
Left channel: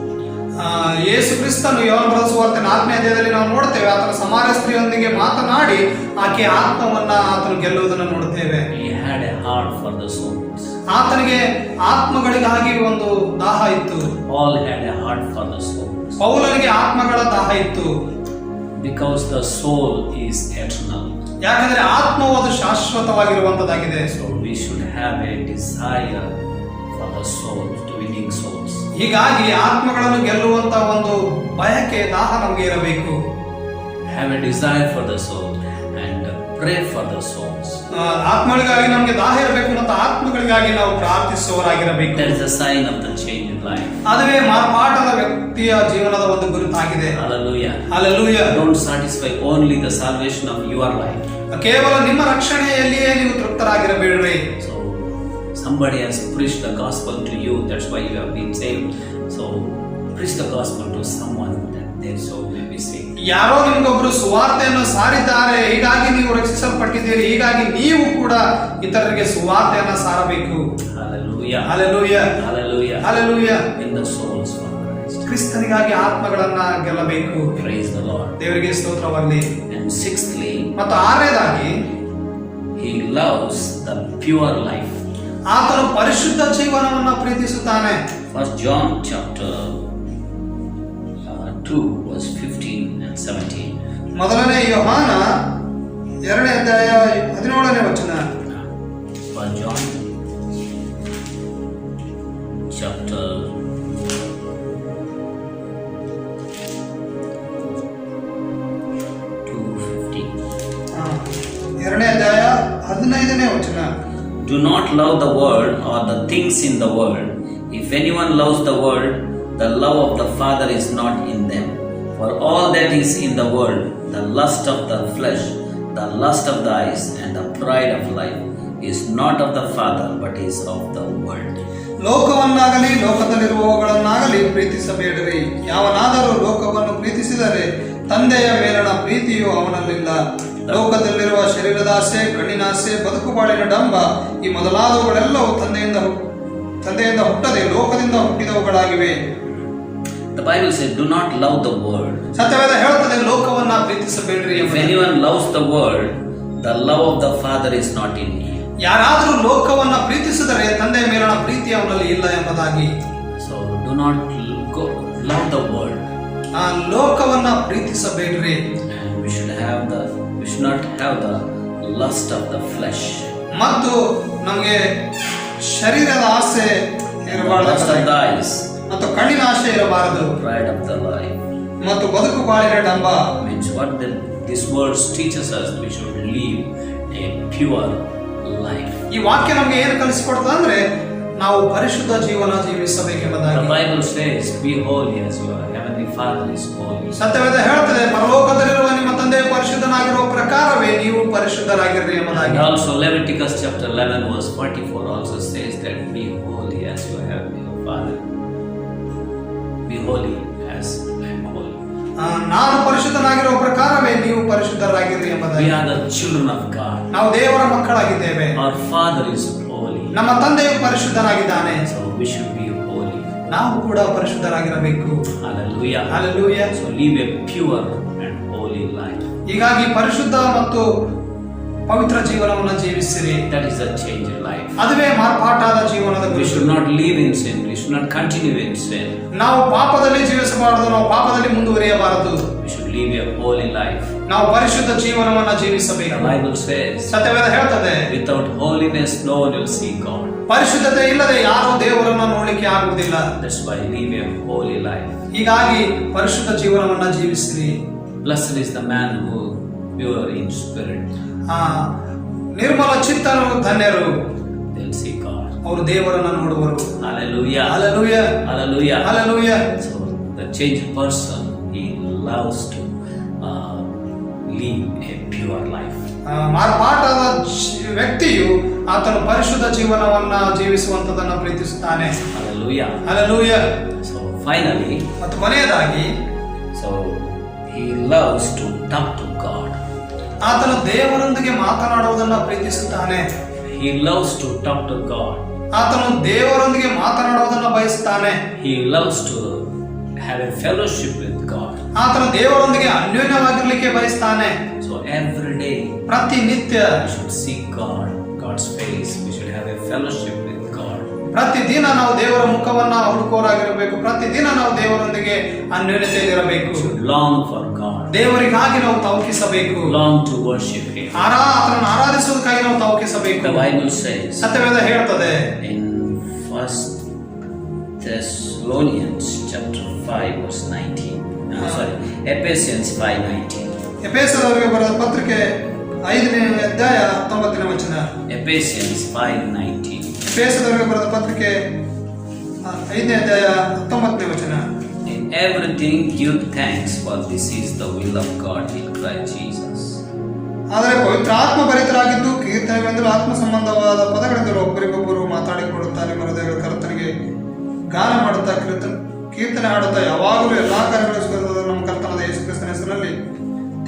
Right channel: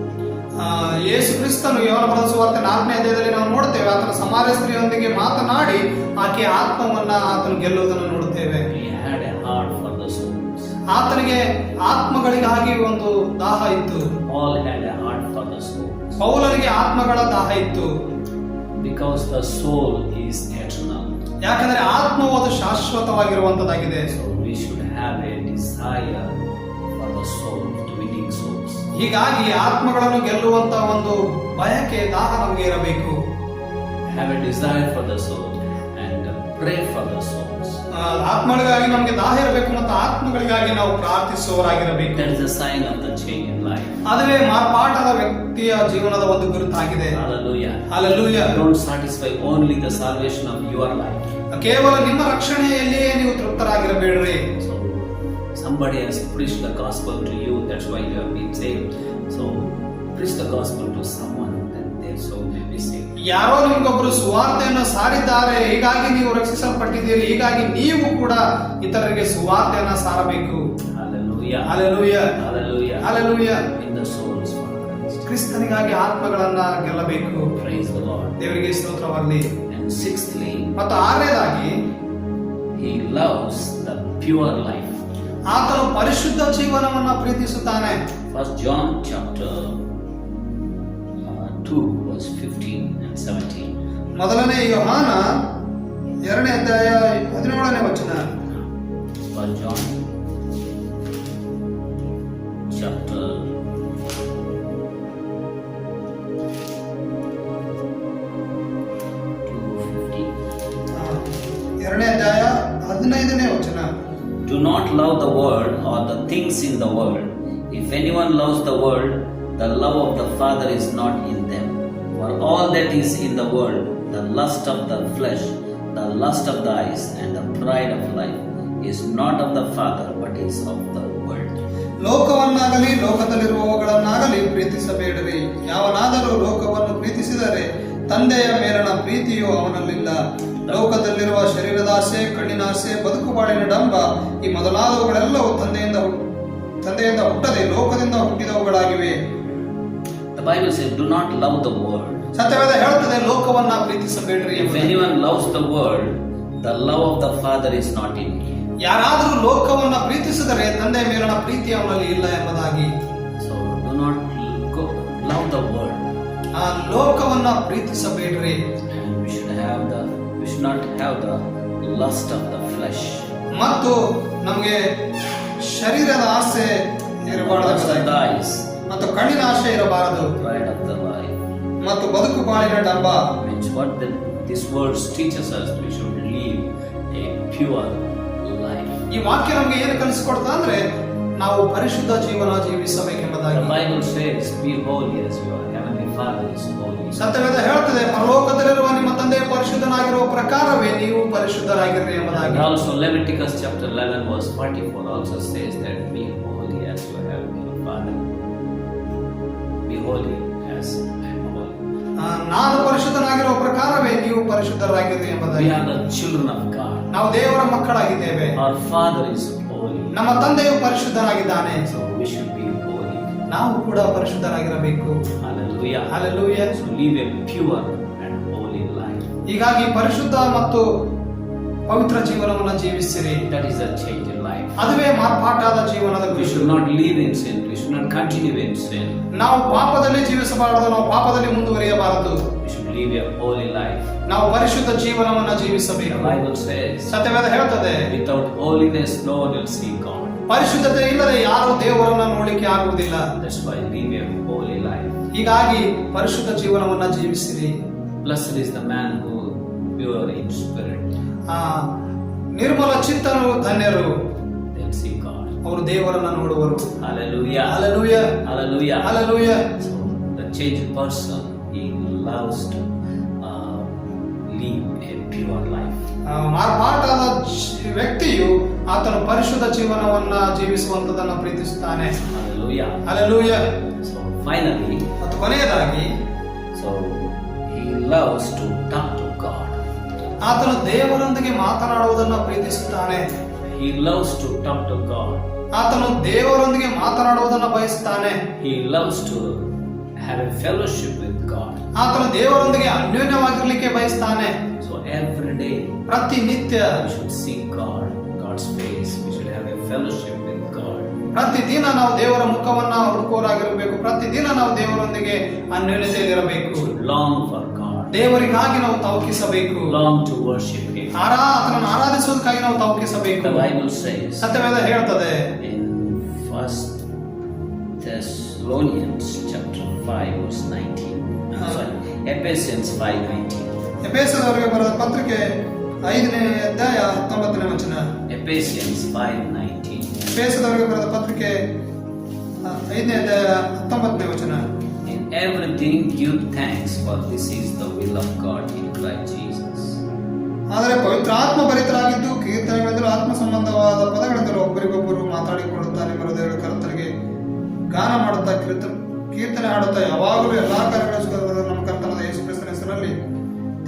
ಯೇಸು ಕ್ರಿಸ್ತನು ಯೋಹಾನ ಬರೆದ ಸುವಾರ್ತೆ 4ನೇ ಅಧ್ಯಾಯದಲ್ಲಿ ನಾವು ನೋಡ್ತೇವೆ, ಆತನ ಸಮಾರ್ಯ ಸ್ತ್ರೀಯೊಂದಿಗೆ ಮಾತನಾಡಿ ಆಕೆ ಆತ್ಮವನ್ನ ಆತನು ಗೆಲ್ಲುವುದನ್ನು ನೋಡುತ್ತೇವೆ. He had a heart for the souls. ಆತನಿಗೆ ಆತ್ಮಗಳಿಗಾಗಿ ಒಂದು ದಾಹ ಇತ್ತು. All had a heart for the souls. ಪೌಲನಿಗೆ ಆತ್ಮಗಳ ದಾಹ ಇತ್ತು. Because the soul is eternal. ಯಾಕಂದ್ರೆ ಆತ್ಮವು ಅದು ಶಾಶ್ವತವಾಗಿರುವಂತದ್ದಾಗಿದೆ. So we should have a desire for the souls, to winning souls. ಹೀಗಾಗಿ ಆತ್ಮಗಳನ್ನು ಗೆಲ್ಲುವಂತ ಒಂದು ಬಯಕೆ, ದಾಹ ನಮಗೆ ಇರಬೇಕು. Have a desire for the soul and pray for the souls. ಆತ್ಮಗಳಿಗಾಗಿ ನಮಗೆ ದಾಹ ಇರಬೇಕು ಮತ್ತು ಆತ್ಮಗಳಿಗಾಗಿ ನಾವು ಪ್ರಾರ್ಥಿಸುವವರಾಗಿರಬೇಕು. That is a sign of the change in life. ಅದುವೇ ಮಾರ್ಪಾಟದ ವ್ಯಕ್ತಿಯ ಜೀವನದ ಒಂದು ಗುರುತಾಗಿದೆ. Hallelujah. Hallelujah. Don't satisfy only the salvation of your life. ಕೇವಲ ನಿಮ್ಮ ರಕ್ಷಣೆಯಲ್ಲಿಯೇ ನೀವು ತೃಪ್ತರಾಗಿರಬೇಡ್ರಿ. So somebody has preached the gospel to you, that's why you have been saved. So preach the gospel to someone that they so may be saved. ಯಾರೋ ನಿಮ್ಗೊಬ್ರು ಸುವಾರ್ತೆಯನ್ನು ಸಾರಿದ್ದಾರೆ, ಹೀಗಾಗಿ ನೀವು ರಕ್ಷಿಸಲ್ಪಟ್ಟಿದ್ದೀರಿ, ಹೀಗಾಗಿ ನೀವು ಕೂಡ ಇತರರಿಗೆ ಸುವಾರ್ತೆಯನ್ನ ಸಾರಬೇಕು. Hallelujah. Hallelujah. Hallelujah. Hallelujah. Win the souls for Christ. ಕ್ರಿಸ್ತನಿಗಾಗಿ ಆತ್ಮಗಳನ್ನ ಗೆಲ್ಲಬೇಕು. Praise the Lord. ದೇವರಿಗೆ ಸ್ತೋತ್ರವಾಗಲಿ. And sixthly, ಮತ್ತು 6ನೇದಾಗಿ he loves the pure life. ಆತನು ಪರಿಶುದ್ಧ ಜೀವನವನ್ನು ಪ್ರೀತಿಸುತ್ತಾನೆ. First John chapter 2 verse 15 and 17. ಮೊದಲನೇ ಯೋಹಾನ 2ನೇ ಅಧ್ಯಾಯ 17ನೇ ವಚನ. First John chapter 2:15. 2ನೇ ಅಧ್ಯಾಯ 15ನೇ ವಚನ. Do not love the world or the things in the world. If anyone loves the world, the love of the Father is not in them. For all that is in the world, the lust of the flesh, the lust of the eyes, and the pride of life, is not of the Father, but is of the world. ಲೋಕವನ್ನಾಗಲಿ ಲೋಕದಲ್ಲಿರುವವುಗಳನ್ನಾಗಲಿ ಪ್ರೀತಿಸಬೇಡಿರಿ. ಯಾವನಾದರೂ ಲೋಕವನ್ನು ಪ್ರೀತಿಸಿದರೆ ತಂದೆಯ ಮೇಲಣ ಪ್ರೀತಿಯು ಅವನಲ್ಲಿಲ್ಲ. ಲೋಕದಲ್ಲಿರುವ ಶರೀರದ ಆಸೆ, ಕಣ್ಣಿನ ಆಸೆ, ಬದುಕುಬಾಳಿನ ಡಂಬ, ಈ ಮೊದಲಾದವುಗಳೆಲ್ಲವೂ ತಂದೆಯಿಂದ ಹುಟ್ಟದೆ ಲೋಕದಿಂದ ಹುಟ್ಟಿದವುಗಳಾಗಿವೆ. The Bible says, do not love the world. ಸತ್ಯವೇದ ಹೇಳುತ್ತದೆ, ಲೋಕವನ್ನ ಪ್ರೀತಿಸಬೇಡ್ರಿ. If anyone loves the world, the love of the Father is not in him. ಯಾರಾದರೂ ಲೋಕವನ್ನ ಪ್ರೀತಿಸಿದರೆ ತಂದೆಯ ಮೇಲಣ ಪ್ರೀತಿ ಅವನಲ್ಲಿ ಇಲ್ಲ ಎಂಬುದಾಗಿ. So do not love the world. ಆ ಲೋಕವನ್ನ ಪ್ರೀತಿಸಬೇಡ್ರಿ. And we should not have the lust of the flesh. ಮತ್ತು ನಮಗೆ ಶರೀರದ ಆಸೆ Lust of the eyes. ಮತ್ತು ಮತ್ತು ಕಣ್ಣಿನ ಆಶೆ ಇರಬಾರದು, Pride of the life. ಮತ್ತು ಬದುಕು ಬಾಳಿನ ಡಂಬ. Means what this verse teaches us, we should live a pure life. ಈ ವಾಕ್ಯ ನಮಗೆ ಏನು ಕಲಿಸಿಕೊಡ್ತದೆ ಅಂದ್ರೆ ನಾವು ಪರಿಶುದ್ಧ ಜೀವನ The ಜೀವಿಸಬೇಕೆಂಬುದಾಗಿ. Bible says, be holy as your heavenly Father is holy. ಸತ್ಯವೇದ ಹೇಳ್ತದೆ, ಪರಲೋಕದಲ್ಲಿರುವ ನಿಮ್ಮ ತಂದೆ ಪರಿಶುದ್ಧನಾಗಿರುವ ಪ್ರಕಾರವೇ ನೀವು ಪರಿಶುದ್ಧರಾಗಿರ್ರಿ And ಎಂಬುದಾಗಿ. also Leviticus chapter 11 verse 44 also says that be holy as your heavenly Father. Be holy as I am holy. ನಾನು ಪರಿಶುದ್ಧನಾಗಿರುವ ಪ್ರಕಾರವೇ ನೀವು ಪರಿಶುದ್ಧರಾಗಿರ್ರಿ We ಎಂಬುದಾಗಿ. are the children of God. ನಾವು ದೇವರ ಮಕ್ಕಳಾಗಿದ್ದೇವೆ. Our Father is holy. ನಮ್ಮ ತಂದೆಯು ಪರಿಶುದ್ಧನಾಗಿದ್ದಾನೆ. So we should be holy. ನಾವು ಕೂಡ ಪರಿಶುದ್ಧರಾಗಿರಬೇಕು. Hallelujah. Hallelujah. So live a pure and holy life. ಹೀಗಾಗಿ ಪರಿಶುದ್ಧ ಮತ್ತು ಪವಿತ್ರ ಜೀವನವನ್ನು ಜೀವಿಸಿರಿ. That is a change in life. ಅದುವೇ ಮಾರ್ಪಾಟಾದ ಜೀವನದ We ಗುರುತು. should not live in sin. We should not continue in sin. ನಾವು ಪಾಪದಲ್ಲಿ ಜೀವಿಸಬಾರದು, ನಾವು ಪಾಪದಲ್ಲಿ ಮುಂದುವರಿಯಬಾರದು. We should live a holy life. ನಾವು ಪರಿಶುದ್ಧ ಜೀವನವನ್ನ The ಜೀವಿಸಬೇಕು. Bible says, ಸತ್ಯವೇದ ಹೇಳ್ತದೆ, without holiness no one will see God. ಪರಿಶುದ್ಧತೆ ಇಲ್ಲದೆ ಯಾರು ದೇವರನ್ನ ನೋಡಲಿಕ್ಕೆ ಆಗುವುದಿಲ್ಲ. That's why live a holy life. ಹೀಗಾಗಿ ಪರಿಶುದ್ಧ ಜೀವನವನ್ನ ಜೀವಿಸಿರಿ. Blessed is the man who pure in spirit. ಆ ನಿರ್ಮಲ ಚಿತ್ತರು ಧನ್ಯರು, They'll see God. ಅವರು ದೇವರನ್ನ ನೋಡುವರು. Hallelujah. Hallelujah. Hallelujah. Hallelujah. So the changed person, he loves to live a pure life. ಮಾರ್ಪಾಟಾದ ವ್ಯಕ್ತಿಯು ಆತನು ಪರಿಶುದ್ಧ ಜೀವನವನ್ನ ಜೀವಿಸುವಂತದನ್ನ ಪ್ರೀತಿಸುತ್ತಾನೆ. Hallelujah. Hallelujah. So finally, ಮತ್ತು ಕೊನೆಯದಾಗಿ so he loves to talk to God. ಆತನು ದೇವರೊಂದಿಗೆ ಮಾತನಾಡುವುದನ್ನ ಪ್ರೀತಿಸುತ್ತಾನೆ. He loves to talk to God. ಆತನು ದೇವರೊಂದಿಗೆ ಮಾತನಾಡುವುದನ್ನ ಬಯಸುತ್ತಾನೆ. He loves to have a fellowship with God. ಆತನು ದೇವರೊಂದಿಗೆ ಅನ್ಯೋನ್ಯವಾಗಿರ್ಲಿಕ್ಕೆ ಬಯಸ್ತಾನೆ. So every day ಪ್ರತಿನಿತ್ಯ we should seek God, God's face. We should have a fellowship with God. ಪ್ರತಿದಿನ ನಾವು ದೇವರ ಮುಖವನ್ನ ಹುಡುಕೋರಾಗಿರಬೇಕು. ಪ್ರತಿದಿನ ನಾವು ದೇವರೊಂದಿಗೆ ಅನ್ಯೋನ್ಯತೆಯಲ್ಲಿರಬೇಕು. We should long for God, ದೇವರಿಗಾಗಿ ನಾವು ತವಕಿಸಬೇಕು. long to worship Him. ಆತನನ್ನು ಆರಾಧಿಸುವುದಕ್ಕಾಗಿ ನಾವು ತವಕಿಸಬೇಕು. The Bible says ಸತ್ಯವೇದ ಹೇಳ್ತದೆ in 1 Thessalonians chapter 5 verse 19. Ephesians 5:19. ಎಫೆಸದವರಿಗೆ ಬರೆದ ಪತ್ರಿಕೆ 5ನೇ ಅಧ್ಯಾಯ 19ನೇ ವಚನ. Ephesians 5:19. ಎಫೆಸದವರಿಗೆ ಬರೆದ ಪತ್ರಿಕೆ 5ನೇ ಅಧ್ಯಾಯ 19ನೇ ವಚನ. In everything give thanks, for this is the will of God in Christ Jesus. ಆದರೆ ಪವಿತ್ರಾತ್ಮ ಭರಿತರಾಗಿದ್ದು ಕೀರ್ತನೆಗಳಿಂದಲೂ ಆತ್ಮ ಸಂಬಂಧವಾದ ಪದಗಳಿಂದಲೂ ಒಬ್ಬರಿಗೊಬ್ಬರು ಮಾತಾಡಿಕೊಳ್ಳುತ್ತಾ ನಿಮ್ಮ ಹೃದಯಗಳ ಕರ್ತನಿಗೆ ಗಾನ ಮಾಡುತ್ತಾ ಕೀರ್ತನೆ ಹಾಡುತ್ತಾ ಯಾವಾಗಲೂ ಎಲ್ಲಾ ಕಾರ್ಯಗಳು ನಮ್ಮ ಕರ್ತನಾದ ಯೇಸು ಕ್ರಿಸ್ತನ ಹೆಸರಿನಲ್ಲಿ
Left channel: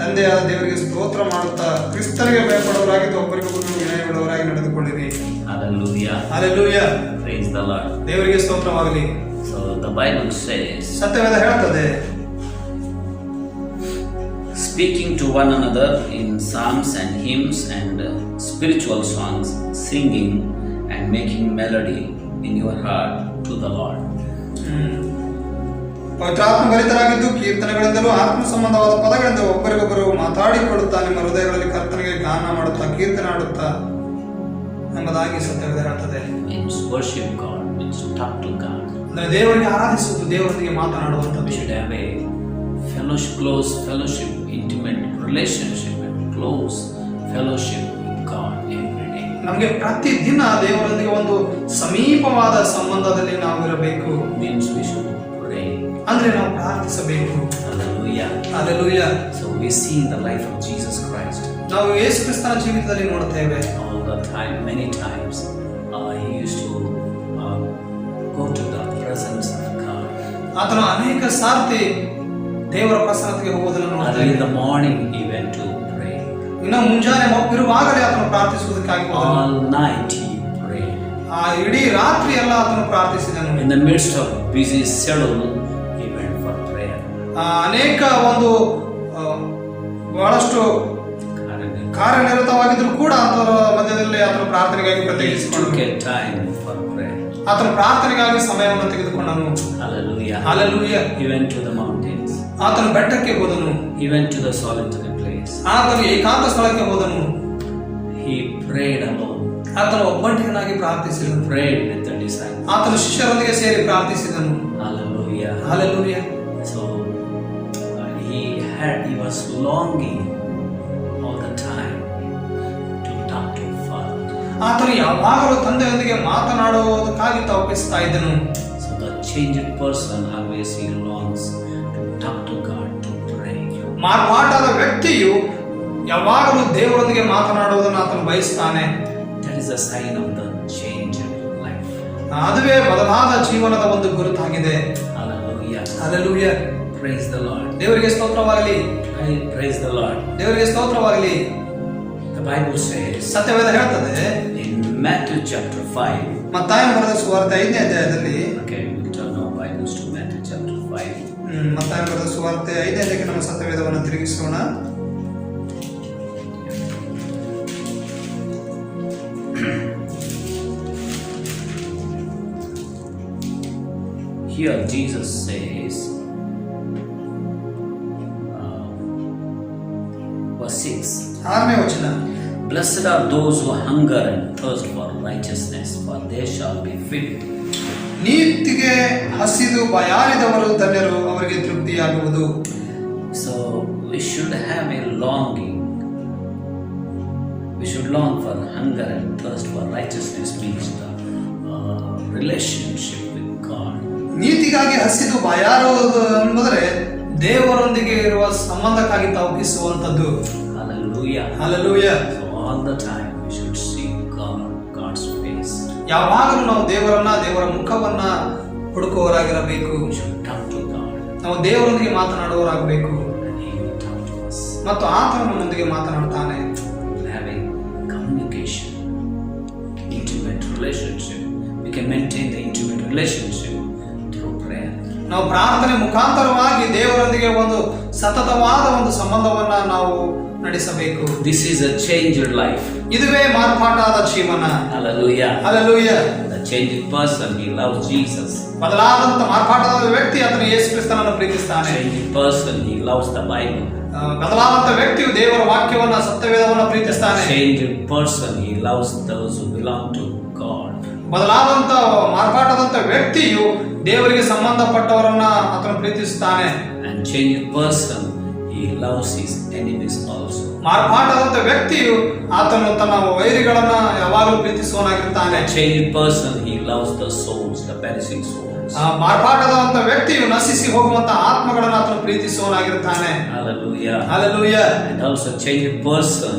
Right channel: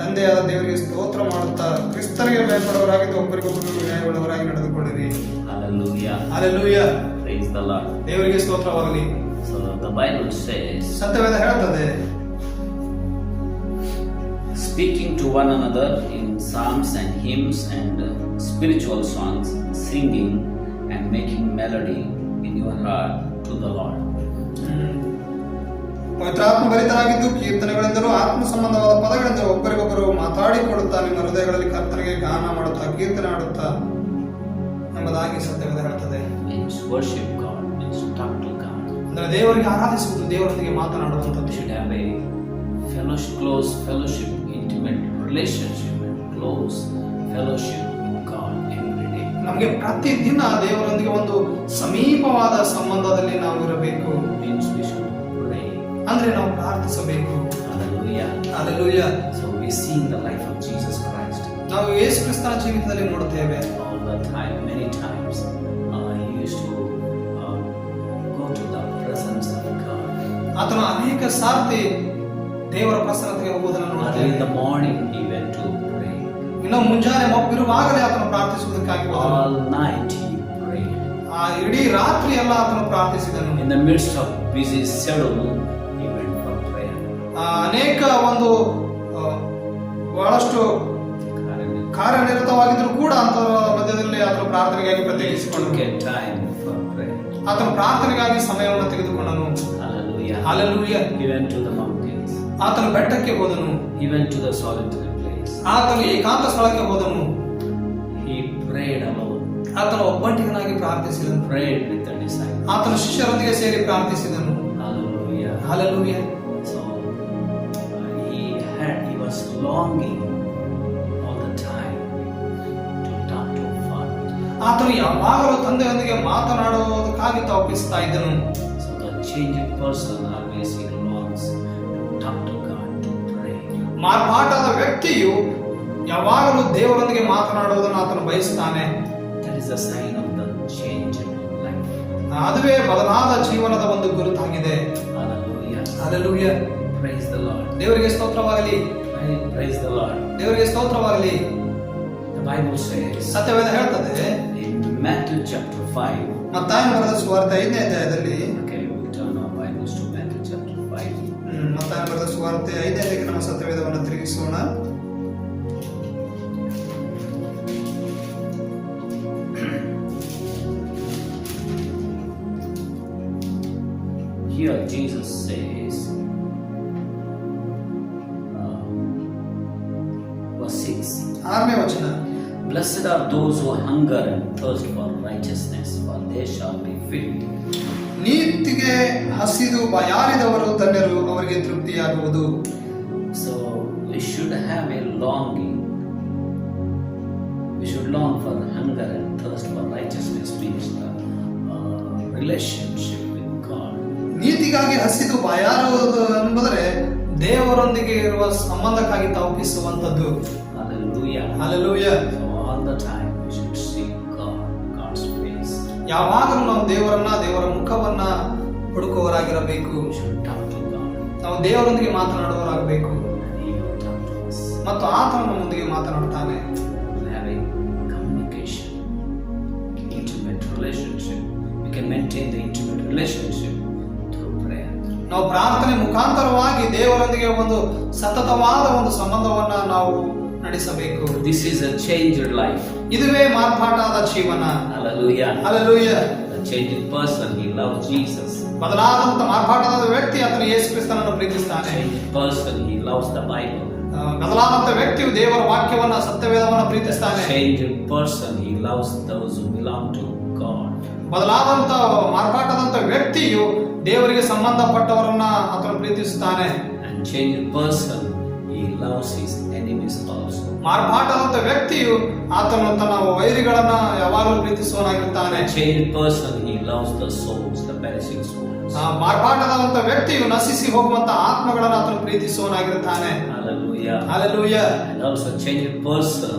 ತಂದೆಯಾದ ದೇವರಿಗೆ ಸ್ತೋತ್ರ ಮಾಡುತ್ತಾ ಕ್ರಿಸ್ತನಿಗೆ ಭಯಪಡುವವರಾಗಿದ್ದು ಒಬ್ಬರಿಗೊಬ್ಬರು ವಿನಯವುಳ್ಳವರಾಗಿ ನಡೆದುಕೊಳ್ಳಿರಿ. Hallelujah. Hallelujah. Praise the Lord. ದೇವರಿಗೆ ಸ್ತೋತ್ರವಾಗಲಿ. So the Bible says, ಸತ್ಯವೇದ ಹೇಳ್ತದೆ, speaking to one another in psalms and hymns and spiritual songs, singing and making melody in your heart to the Lord. ಪವಿತ್ರಾತ್ಮ ಭರಿತರಾಗಿದ್ದು ಕೀರ್ತನೆಗಳಿಂದಲೂ ಆತ್ಮ ಸಂಬಂಧವಾದ ಪದಗಳಿಂದ ಒಬ್ಬರಿಗೊಬ್ಬರು ಮಾತಾಡಿಕೊಳ್ಳುತ್ತಾ ನಿಮ್ಮ ಹೃದಯಗಳಲ್ಲಿ ಕರ್ತನಿಗೆ ಗಾನ ಮಾಡುತ್ತಾ ಕೀರ್ತನೆ ಆಡುತ್ತಾ ಎಂಬುದಾಗಿ ಸತ್ಯವೇದ ಹೇಳ್ತದೆ. Means worship God, means talk to God. ಅಂದ್ರೆ ದೇವರಿಗೆ ಆರಾಧಿಸುವುದು, ದೇವರೊಂದಿಗೆ ಮಾತನಾಡುವಂಥದ್ದು. We should have a fellowship, close fellowship, intimate relationship, and close fellowship with God every day. ನಮಗೆ ಪ್ರತಿದಿನ ದೇವರೊಂದಿಗೆ ಒಂದು ಸಮೀಪವಾದ ಸಂಬಂಧದಲ್ಲಿ ನಾವು ಇರಬೇಕು. Means we should pray. ಅಂದ್ರೆ ನಾವು ಪ್ರಾರ್ಥಿಸಬೇಕು. Hallelujah. Hallelujah. So we see in the life of Jesus Christ, ನಾವು ಯೇಸು ಕ್ರಿಸ್ತನ ಜೀವಿತದಲ್ಲಿ ನೋಡುತ್ತೇವೆ. all the time, many times, he used to go to the presence of God. ಆತನು ಅನೇಕ ಸಾರ್ತಿ ದೇವರ ಪ್ರಸನ್ನತೆಗೆ ಹೋಗುವುದನ್ನು And ನೋಡುತ್ತೇವೆ. in the morning he went to pray. ಇನ್ನು ಮುಂಜಾನೆ ಮಬ್ಬಿರುವಾಗಲೇ ಆತನು ಪ್ರಾರ್ಥಿಸುವುದಕ್ಕಾಗಿ ಹೋದನು. All night he prayed. ಆ ಇಡೀ ರಾತ್ರಿ ಎಲ್ಲ ಆತನು ಪ್ರಾರ್ಥಿಸಿದನು. In the midst of busy schedule, he went for prayer. ಅನೇಕ ಒಂದು ಬಹಳಷ್ಟು ಕಾರ್ಯನಿರತವಾಗಿದ್ರು ಕೂಡ ಅದರ ಮಧ್ಯದಲ್ಲಿ ಆತನು ಪ್ರಾರ್ಥನೆಗಾಗಿ He ಪ್ರತ್ಯೇಕಿಸಿಕೊಂಡನು. took a time for prayer. ಆತನು ಪ್ರಾರ್ಥನೆಗಾಗಿ ಸಮಯವನ್ನು ತೆಗೆದುಕೊಂಡನು. Hallelujah. Hallelujah. He went to the mountains. ಆತನು ಬೆಟ್ಟಕ್ಕೆ ಹೋದನು. He went to the solitary place. ಆತನು ಏಕಾಂತ ಸ್ಥಳಕ್ಕೆ ಹೋದನು. He prayed alone. ಆತನು ಒಬ್ಬಂಟಿಗನಾಗಿ ಪ್ರಾರ್ಥಿಸಿದನು. Prayed with the disciples. ಆತನು ಶಿಷ್ಯರೊಂದಿಗೆ ಸೇರಿ ಪ್ರಾರ್ಥಿಸಿದನು. Hallelujah. Hallelujah. So he was longing all the time to talk to Father. ಆತನು ಯಾವಾಗಲೂ ತಂದೆಯೊಂದಿಗೆ ಮಾತನಾಡುವುದಕ್ಕಾಗಿ ತವಕಿಸ್ತಾ ಇದ್ದನು. So the changed person always he longs to talk to God, to pray. ಮಾರ್ಪಾಟಾದ ವ್ಯಕ್ತಿಯು ಯಾವಾಗಲೂ ದೇವರೊಂದಿಗೆ ಮಾತನಾಡುವುದನ್ನು ಆತನು ಬಯಸ್ತಾನೆ. That is a sign of the changed life. ಅದುವೇ ಬದಲಾದ ಜೀವನದ ಒಂದು ಗುರುತಾಗಿದೆ. Hallelujah. Hallelujah. Praise the Lord. ದೇವರಿಗೆ ಸ್ತೋತ್ರವಾಗಲಿ. Praise the Lord. ದೇವರಿಗೆ ಸ್ತೋತ್ರವಾಗಲಿ. The Bible says ಸತ್ಯವೇದ ಹೇಳ್ತದೆ in Matthew chapter 5. ಮತ್ತಾಯನ ಬರೆದ ಸುವಾರ್ತೆ 5ನೇ ಅಧ್ಯಾಯದಲ್ಲಿ, Okay, we'll turn our Bibles to Matthew chapter 5. ಮತ್ತಾಯನ ಬರೆದ ಸುವಾರ್ತೆ 5ನೇ ಅಧ್ಯಾಯಕ್ಕೆ ನಮ್ಮ ಸತ್ಯವೇದವನ್ನು ತಿರುಗಿಸೋಣ. Here Jesus says, verse 6, 6ನೇ ವಚನ, Blessed are those who hunger and thirst for righteousness, for they shall be filled. ನೀತಿಗೆ ಹಸಿದು ಬಾಯಾರಿದವರು ಧನ್ಯರು, ಅವರಿಗೆ ತೃಪ್ತಿಯಾಗುವುದು. So we should have a longing. We should long for hunger and thirst for righteousness, means the relationship with God. ನೀತಿಗಾಗಿ ಹಸಿದು ಬಾಯಾರುವುದು ಎಂಬುದರೆ ದೇವರೊಂದಿಗೆ ಇರುವ ಸಂಬಂಧಕ್ಕಾಗಿ ತವಕಿಸುವಂಥದ್ದು. Hallelujah. Hallelujah. So all the time we should seek God's face. ಯಾವಾಗಲೂ ನಾವು ದೇವರ ಮುಖವನ್ನ ಹುಡುಕುವವರಾಗಿರಬೇಕು. We should talk to God ನಾವು ದೇವರೊಂದಿಗೆ ಮಾತನಾಡುವವರಾಗಬೇಕು and He will talk to us. ಮತ್ತು ಆತನು ನಮ್ಮೊಂದಿಗೆ ಮಾತನಾಡ್ತಾನೆ. Having communication, intimate relationship. We can maintain the intimate relationship through prayer. ನಾವು ಪ್ರಾರ್ಥನೆ ಮುಖಾಂತರವಾಗಿ ದೇವರೊಂದಿಗೆ ಒಂದು ಸತತವಾದ ಒಂದು ಸಂಬಂಧವನ್ನ ನಾವು ನಡೆಸಬೇಕು. This is a changed life. ಇದುವೇ ಮಾರ್ಪಾಟಾದ ಜೀವನ. Hallelujah. Hallelujah. The changed person, he loves Jesus. ಬದಲಾದಂತ ಮಾರ್ಪಾಟಾದ ವ್ಯಕ್ತಿ ಆತನು ಯೇಸು ಕ್ರಿಸ್ತನನ್ನು ಪ್ರೀತಿಸ್ತಾನೆ. Changed person, he loves the Bible. ಬದಲಾದಂತ ವ್ಯಕ್ತಿಯು ದೇವರ ವಾಕ್ಯವನ್ನ ಸತ್ಯವೇದವನ್ನ ಪ್ರೀತಿಸ್ತಾನೆ. Changed person, he loves those who belong to God. ಬದಲಾದಂತ ಮಾರ್ಪಾಟಾದಂತ ವ್ಯಕ್ತಿಯು ದೇವರಿಗೆ ಸಂಬಂಧಪಟ್ಟವರನ್ನ ಆತನು ಪ್ರೀತಿಸುತ್ತಾನೆ. And changed person, he loves his enemies also. ಮಾರ್ಪಾಟಾದಂತ ವ್ಯಕ್ತಿಯು ಆತನು ತನ್ನ ವೈರಿಗಳನ್ನ ಯಾವಾಗಲೂ ಪ್ರೀತಿಸುವವನಾಗಿರ್ತಾನೆ. Changed person, he loves the souls, the perishing souls. ಮಾರ್ಪಾಟಾದಂತ ವ್ಯಕ್ತಿಯು ನಶಿಸಿ ಹೋಗುವಂತ ಆತ್ಮಗಳನ್ನ ಆತನು ಪ್ರೀತಿಸುವವನಾಗಿರ್ತಾನೆ. Hallelujah. Hallelujah. And also changed person,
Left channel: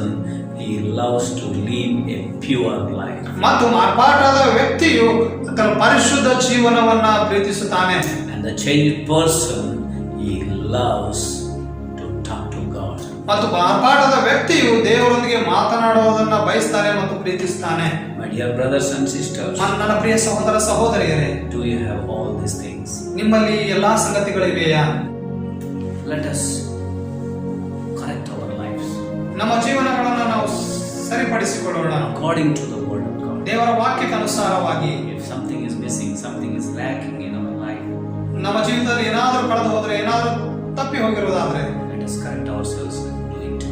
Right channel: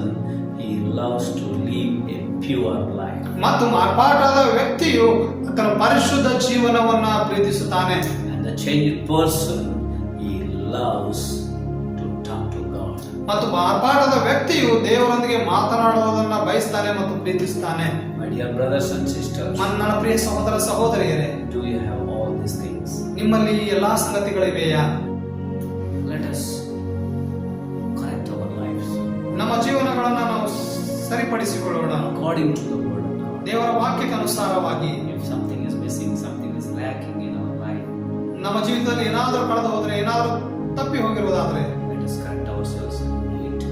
he loves to live a pure life. ಮತ್ತು ಮಾರ್ಪಾಟಾದ ವ್ಯಕ್ತಿಯು ತನ್ನ ಪರಿಶುದ್ಧ ಜೀವನವನ್ನ ಪ್ರೀತಿಸುತ್ತಾನೆ. And the changed person, he loves to talk to God. ಮತ್ತು ಮಾರ್ಪಾಟಾದ ವ್ಯಕ್ತಿಯು ದೇವರೊಂದಿಗೆ ಮಾತನಾಡುವುದನ್ನ ಬಯಸ್ತಾನೆ ಮತ್ತು ಪ್ರೀತಿಸ್ತಾನೆ. My dear brothers and sisters, ನನ್ನ ಪ್ರಿಯ ಸಹೋದರ ಸಹೋದರಿಯರೇ, do you have all these things? ನಿಮ್ಮಲ್ಲಿ ಎಲ್ಲಾ ಸಂಗತಿಗಳಿವೆಯಾ? Let us correct our lives ನಮ್ಮ ಜೀವನಗಳನ್ನು ನಾವು ಸರಿಪಡಿಸಿಕೊಳ್ಳೋಣ according to the word of God. ದೇವರ ವಾಕ್ಯಕ್ಕೆ ಅನುಸಾರವಾಗಿ. If something is missing, something is lacking in our life, ನಮ್ಮ ಜೀವಿತದಲ್ಲಿ ಏನಾದರೂ ಕಳೆದು ಹೋದ್ರೆ, ಏನಾದರೂ ತಪ್ಪಿ ಹೋಗಿರುವುದಾದ್ರೆ, let us correct ourselves and do it.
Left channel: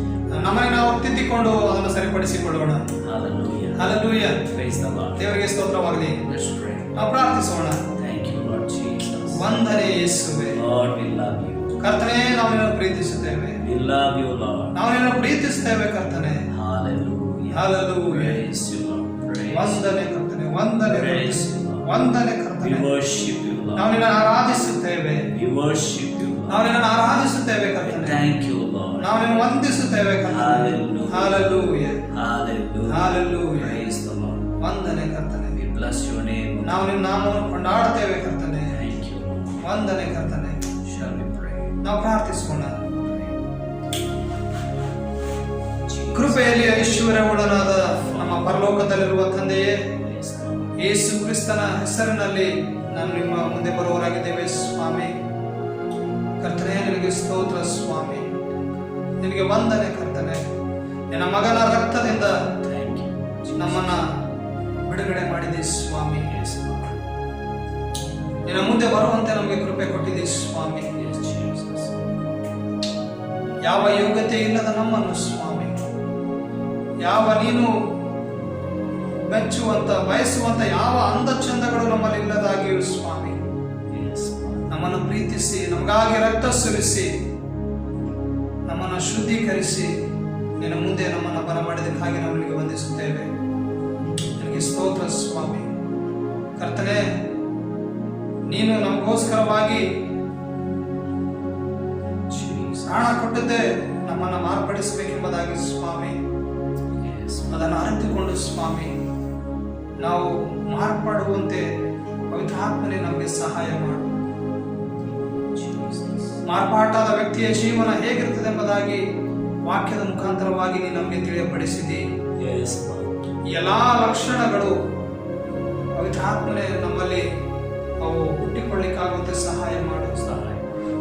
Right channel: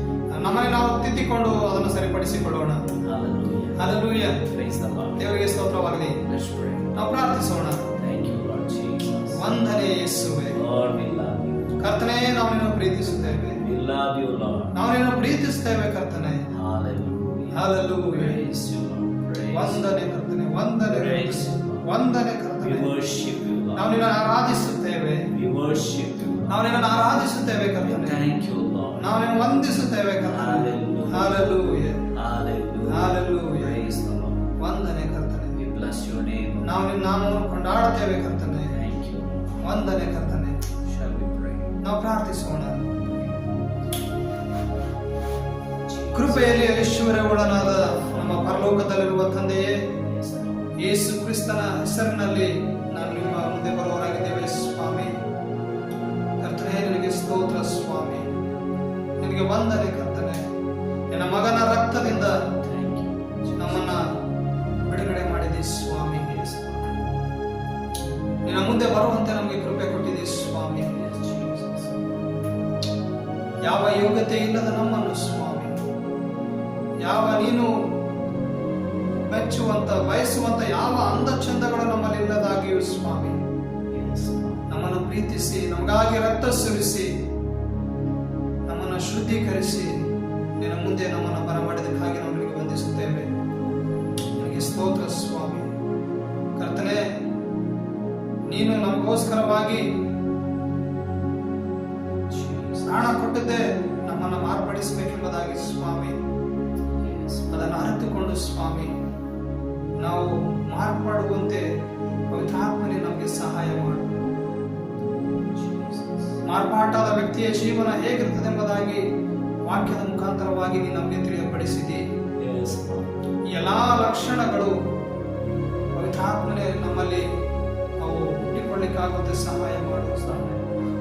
ನಮ್ಮನ್ನು ನಾವು ತಿದ್ದಿಕೊಂಡು ಅದನ್ನು ಸರಿಪಡಿಸಿಕೊಳ್ಳೋಣ. Hallelujah. Hallelujah. Praise the Lord. ದೇವರಿಗೆ ಸ್ತೋತ್ರವಾಗಲಿ. Let's pray. ನಾವು ಪ್ರಾರ್ಥಿಸೋಣ. Thank you, Lord Jesus. ವಂದನೆ ಯೇಸುವೇ. Lord, we love you. ಕರ್ತನೇ, ನಾವು ನಿನ್ನನ್ನು ಪ್ರೀತಿಸುತ್ತೇವೆ. We love you, Lord. ನಾವು ನಿನ್ನನ್ನು ಪ್ರೀತಿಸುತ್ತೇವೆ ಕರ್ತನೇ. Hallelujah. Hallelujah. Praise you, Lord. Praise ವಂದನೆ ಕರ್ತನೇ, ವಂದನೆ Praise you, Lord. ವಂದನೆ We ಕರ್ತನೇ. worship you, ನಾವು Lord. ನಿನ್ನನ್ನು ಆರಾಧಿಸುತ್ತೇವೆ. We worship you, Lord. ನಾವು ನಿನ್ನನ್ನು ಆರಾಧಿಸುತ್ತೇವೆ We ಕರ್ತನೇ. thank you, Lord. ನಾವು ನಿನ್ನನ್ನು ವಂದಿಸುತ್ತೇವೆ ಕರ್ತನೇ. Hallelujah. Hallelujah. Hallelujah. Hallelujah. Praise the Lord. ವಂದನೆ ಕರ್ತನೇ. We bless your name. ನಾವು ನಿನ್ನ ನಾಮವನ್ನು ಕೊಂಡಾಡುತ್ತೇವೆ ಕರ್ತನೇ. Thank you. ವಂದನೆ ಕರ್ತನೇ. Shall we pray? ನಾವು ಪ್ರಾರ್ಥಿಸೋಣ. ಕೃಪೆಯಲ್ಲಿ ಐಶ್ವರ್ಯವುಳ್ಳನಾದ ನಮ್ಮ ಪರಲೋಕದಲ್ಲಿರುವ ತಂದೆಯೇ, Praise the Lord. ಯೇಸು ಕ್ರಿಸ್ತನ ಹೆಸರಿನಲ್ಲಿ ನಾನು ನಿಮ್ಮ ಮುಂದೆ ಬರುವವರಾಗಿದ್ದೇವೆ ಸ್ವಾಮಿ. ಕರ್ತನೇ, ನಿನಗೆ ಸ್ತೋತ್ರ ಸ್ವಾಮಿ. ನಿನಗೆ ವಂದನೆ ಕರ್ತನೆ. ನಿನ್ನ ಮಗನ ರಕ್ತದಿಂದ Thank you. ನಮ್ಮನ್ನ ಬಿಡುಗಡೆ ಮಾಡಿದೆ ಸ್ವಾಮಿ. Yes, Lord. ನಿನ್ನ ಮುಂದೆ ಬರುವಂತೆ ನಮಗೆ ಕೃಪೆ ಕೊಟ್ಟಿದೆ ಸ್ವಾಮಿ. Yes, Jesus. ಯಾವ ಯೋಗ್ಯತೆ ಇಲ್ಲದ ನಮ್ಮನ್ನು ಸ್ವಾಮಿ, ಯಾವ ನೀನು ಮೆಚ್ಚುವಂತ ಬಯಸುವಂತ ಯಾವ ಅಂದ ಚಂದಗಳು ನಮ್ಮಲ್ಲಿ ಇಲ್ಲದಾಗಿಯೂ ಸ್ವಾಮಿ, Yes, Lord. ನಮ್ಮನ್ನು ಪ್ರೀತಿಸಿ ನಮಗಾಗಿ ರಕ್ತ ಸುರಿಸಿ ನಮ್ಮನ್ನು ಶುದ್ಧೀಕರಿಸಿ ನಿನ್ನ ಮುಂದೆ ನಮ್ಮನ್ನು ಬರಮಾಡಿದಕ್ಕಾಗಿ ನಾವು ನಿನಗೆ ವಂದಿಸುತ್ತೇವೆ. ನಿನಗೆ ಸ್ತೋತ್ರ ಸ್ವಾಮಿ. ಕರ್ತನೇ, ನೀನು ನಮಗೋಸ್ಕರವಾಗಿ ಪ್ರಾಣ ಕೊಟ್ಟದ್ದೇ ನಮ್ಮನ್ನು ಮಾರ್ಪಡಿಸಬೇಕೆಂಬುದಾಗಿ ಸ್ವಾಮಿ. ಅದನ್ನು ಅರಿತುಕೊಂಡು ಸ್ವಾಮಿ ನಾವು ಮಾರ್ಪಡುವಂತೆ ಪವಿತ್ರಾತ್ಮನೇ ನಮಗೆ ಸಹಾಯ ಮಾಡು. ಮಾರ್ಪಾಟಾದ ವ್ಯಕ್ತಿಯ ಜೀವನ ಹೇಗಿರ್ತದೆ ಎಂಬುದಾಗಿ ವಾಕ್ಯದ ಮುಖಾಂತರವಾಗಿ ನೀನು ನಮಗೆ ತಿಳಿಯಪಡಿಸಿದಿ. ಎಲ್ಲಾ ಲಕ್ಷಣಗಳು ಪವಿತ್ರಾತ್ಮನೇ ನಮ್ಮಲ್ಲಿ ಅವು ಹುಟ್ಟಿಕೊಳ್ಳಿಕ್ಕಾಗುತ್ತೆ ಸಹಾಯ ಮಾಡು.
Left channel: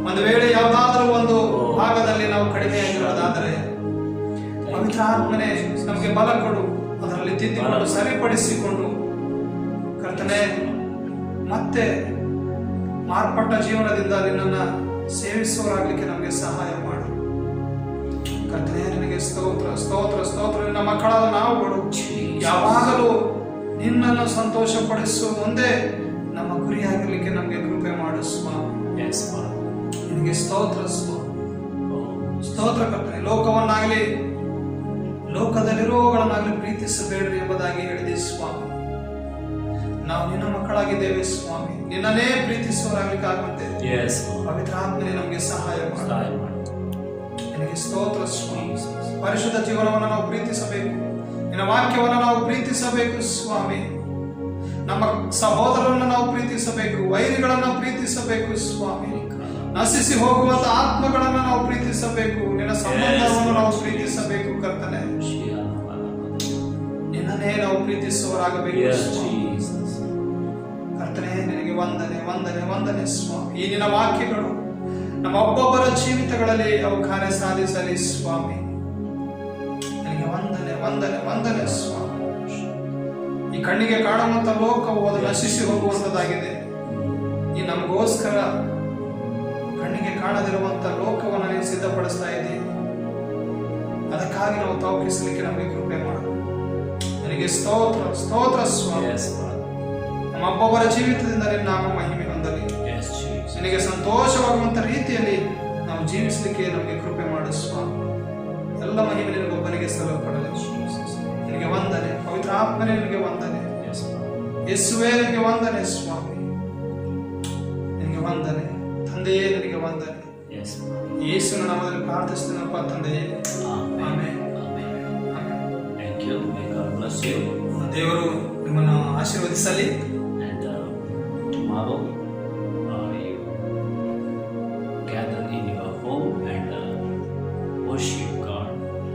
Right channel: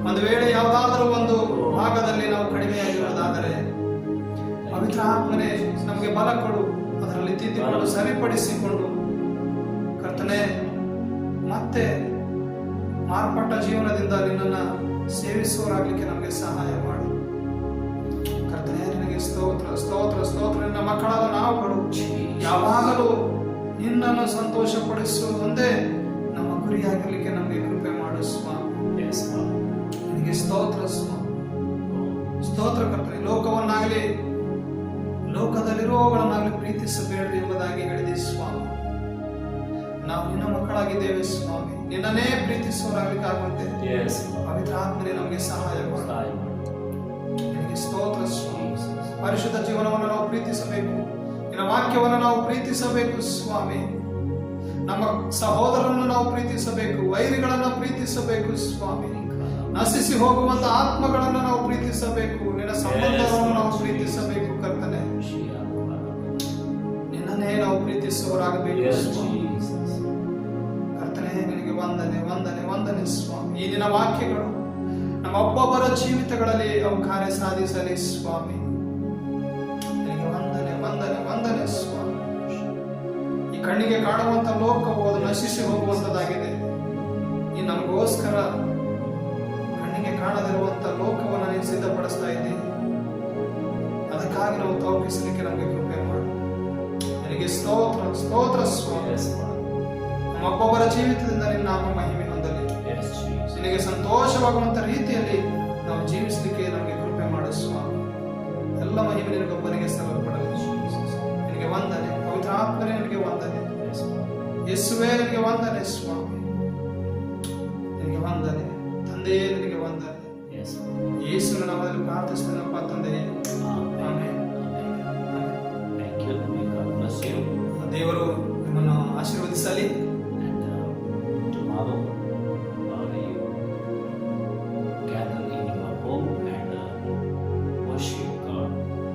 ಒಂದು ವೇಳೆ ಯಾವುದಾದ್ರೂ ಒಂದು ಭಾಗದಲ್ಲಿ ನಾವು ಕಡಿಮೆಯಾಗಿರೋದಾದರೆ ಪವಿತ್ರಾತ್ಮನೇ ನಮಗೆ ಬಲ ಕೊಡು. ಅದರಲ್ಲಿ ತಿದ್ದಿಕೊಂಡು ಸರಿಪಡಿಸಿಕೊಂಡು ಕರ್ತನೆ ಮತ್ತೆ ಮಾರ್ಪಟ್ಟ ಜೀವನದಿಂದ ನಿನ್ನನ್ನು ಸೇವಿಸುವರಾಗಲಿಕ್ಕೆ ನಮಗೆ ಸಹಾಯ ಮಾಡು. ಕರ್ತನೆ, ನಿನಗೆ ಸ್ತೋತ್ರ ಸ್ತೋತ್ರ ಸ್ತೋತ್ರ. ನಿನ್ನ ಮಕ್ಕಳಾದ ನಾವುಗಳು ಯಾವಾಗಲೂ ನಿನ್ನನ್ನು ಸಂತೋಷಪಡಿಸುವ ಮುಂದೆ ನಮ್ಮ ಗುರಿಯಾಗಲಿಕ್ಕೆ ನಮಗೆ ಕೃಪೆ ಮಾಡು ಸ್ವಾಮಿ. ನಿನಗೆ ಸ್ತೋತ್ರ ಸ್ವಾಮಿ. ಸ್ತೋತ್ರ ಕರ್ತನೆ. ಲೋಕವನ್ನಾಗಲಿ ಲೋಕದಲ್ಲಿರುವವುಗಳನ್ನಾಗಲಿ ಪ್ರೀತಿಸಬೇಡ್ರಿ ಎಂಬುದಾಗಿ ಹೇಳಿದೆ ಸ್ವಾಮಿ. ನಾವು ನಿನ್ನ ಮಕ್ಕಳಾಗಿದ್ದೇವೆ ಸ್ವಾಮಿ. ನಿನ್ನನ್ನೇ ಪ್ರೀತಿಸುವರಾಗಲಿಕ್ಕಾಗುವಂತೆ ಪವಿತ್ರಾತ್ಮನೇ ನಮಗೆ ಸಹಾಯ ಮಾಡು. ನಿನಗೆ ಸ್ತೋತ್ರ ಸ್ವಾಮಿ. ಪರಿಶುದ್ಧ ಜೀವನವನ್ನು ನಾವು ಪ್ರೀತಿಸಬೇಕು. ನಿನ್ನ ವಾಕ್ಯವನ್ನು ನಾವು ಪ್ರೀತಿಸಬೇಕು ಸ್ವಾಮಿ. ನಮ್ಮ ಸಹೋದರರನ್ನು ನಾವು ಪ್ರೀತಿಸಬೇಕು. ವೈರಿಗಳನ್ನು ಪ್ರೀತಿಸಬೇಕು ಸ್ವಾಮಿ. ನಶಿಸಿ ಹೋಗುವಂತ ಆತ್ಮಗಳನ್ನು ನಾವು ಪ್ರೀತಿಸಬೇಕು. ನಿನ್ನ ಸಂಬಂಧವನ್ನು ನಾವು ಪ್ರೀತಿಸಬೇಕು ಕರ್ತನೆ. ನಿನ್ನನ್ನೇ ನಾವು ಪ್ರೀತಿಸುವರಾಗಬೇಕು ಕರ್ತನೆ. ನಿನಗೆ ವಂದನೆ ವಂದನೆ ವಂದನೆ ಸ್ವಾಮಿ. ಈ ನಿನ್ನ ವಾಕ್ಯಗಳು ನಮ್ಮ ಒಬ್ಬೊಬ್ಬರ ಜೀವಿತಗಳಲ್ಲಿ ಅವು ಕಾರ್ಯ ಸಾಧಿಸಲಿ ಸ್ವಾಮಿ. ನಿನಗೆ ವಂದನೆ ವಂದನೆ ವಂದನೆ ಸ್ವಾಮಿ. ಈ ಕಣ್ಣಿಗೆ ಕಾಣುವಂತ ಲೋಕವು ಅದು ನಶಿಸಿ ಹೋಗುವಂತದ್ದಾಗಿದೆ. ಈ ನಮಗೋಸ್ಕರ ಕಣ್ಣಿಗೆ ಕಾಣದಿರುವಂತ ಲೋಕವನ್ನು ನೀವು ಸಿದ್ಧಪಡಿಸ್ತಾ ಇದ್ದೀವಿ. ಅದಕ್ಕಾಗಿ ನಾವು ತೌಕಿಸಲಿಕ್ಕೆ ನಮಗೆ ಕೃಪೆ ಮಾಡು. ನಿನಗೆ ಸ್ತೋತ್ರ ಸ್ತೋತ್ರ ಸ್ವಾಮಿ. ನಮ್ಮ ಒಬ್ಬೊಬ್ಬರ ಜೀವಿತದಿಂದ ನಿನ್ನ ನಾಮ ಮಹಿಮೆ ಹೊಂದಲಿ. ನಿನಗೆ ಸಂತೋಷವಾಗುವಂತ ರೀತಿಯಲ್ಲಿ ನಾವು ಜೀವಿಸಲಿಕ್ಕೆ ನಮಗೆ ಕೃಪೆ ಮಾಡು ಸ್ವಾಮಿ. ಎಲ್ಲ ಮಹಿಮೆ ನಿನಗೊಬ್ಬನಿಗೆ ಸಲ್ಲಲ್ಪಡಲಿ. ನಿನಗೆ ವಂದನೆ. ಪವಿತ್ರಾತ್ಮನೇ ನಿನಗೆ ವಂದನೆ. ಯೇಸುವೇ ನಿನಗೆ ವಂದನೆ ಸ್ವಾಮಿ. ನಿನಗೆ ವಂದನೆ ತಂದೆಯೇ. ನಿನಗೆ ವಂದನೆ. ಯೇಸುವಿನ ನಾಮದಲ್ಲಿ ಪ್ರಾರ್ಥಿಸುತ್ತೇನಪ್ಪ ತಂದೆಯೇ. ಆಮೆನ್. ದೇವರು ನಿಮ್ಮನ್ನು ಆಶೀರ್ವದಿಸಲಿ. Tomorrow you gather in your home and worship God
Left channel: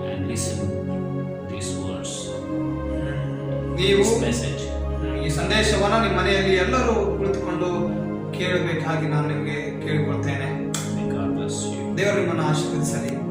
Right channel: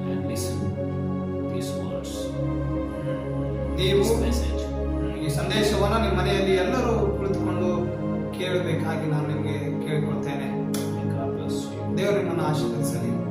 and listen these words, ನೀವು this message. ಈ ಸಂದೇಶವನ್ನು ನಿಮ್ಮ ಮನೆಯಲ್ಲಿ ಎಲ್ಲರೂ ಕುಳಿತುಕೊಂಡು ಕೇಳಬೇಕಾಗಿ ನಾನು ನಿಮಗೆ ಕೇಳಿಕೊಳ್ತೇನೆ. May God bless you. ದೇವರು ನಿಮ್ಮನ್ನು ಆಶೀರ್ವದಿಸಲಿ.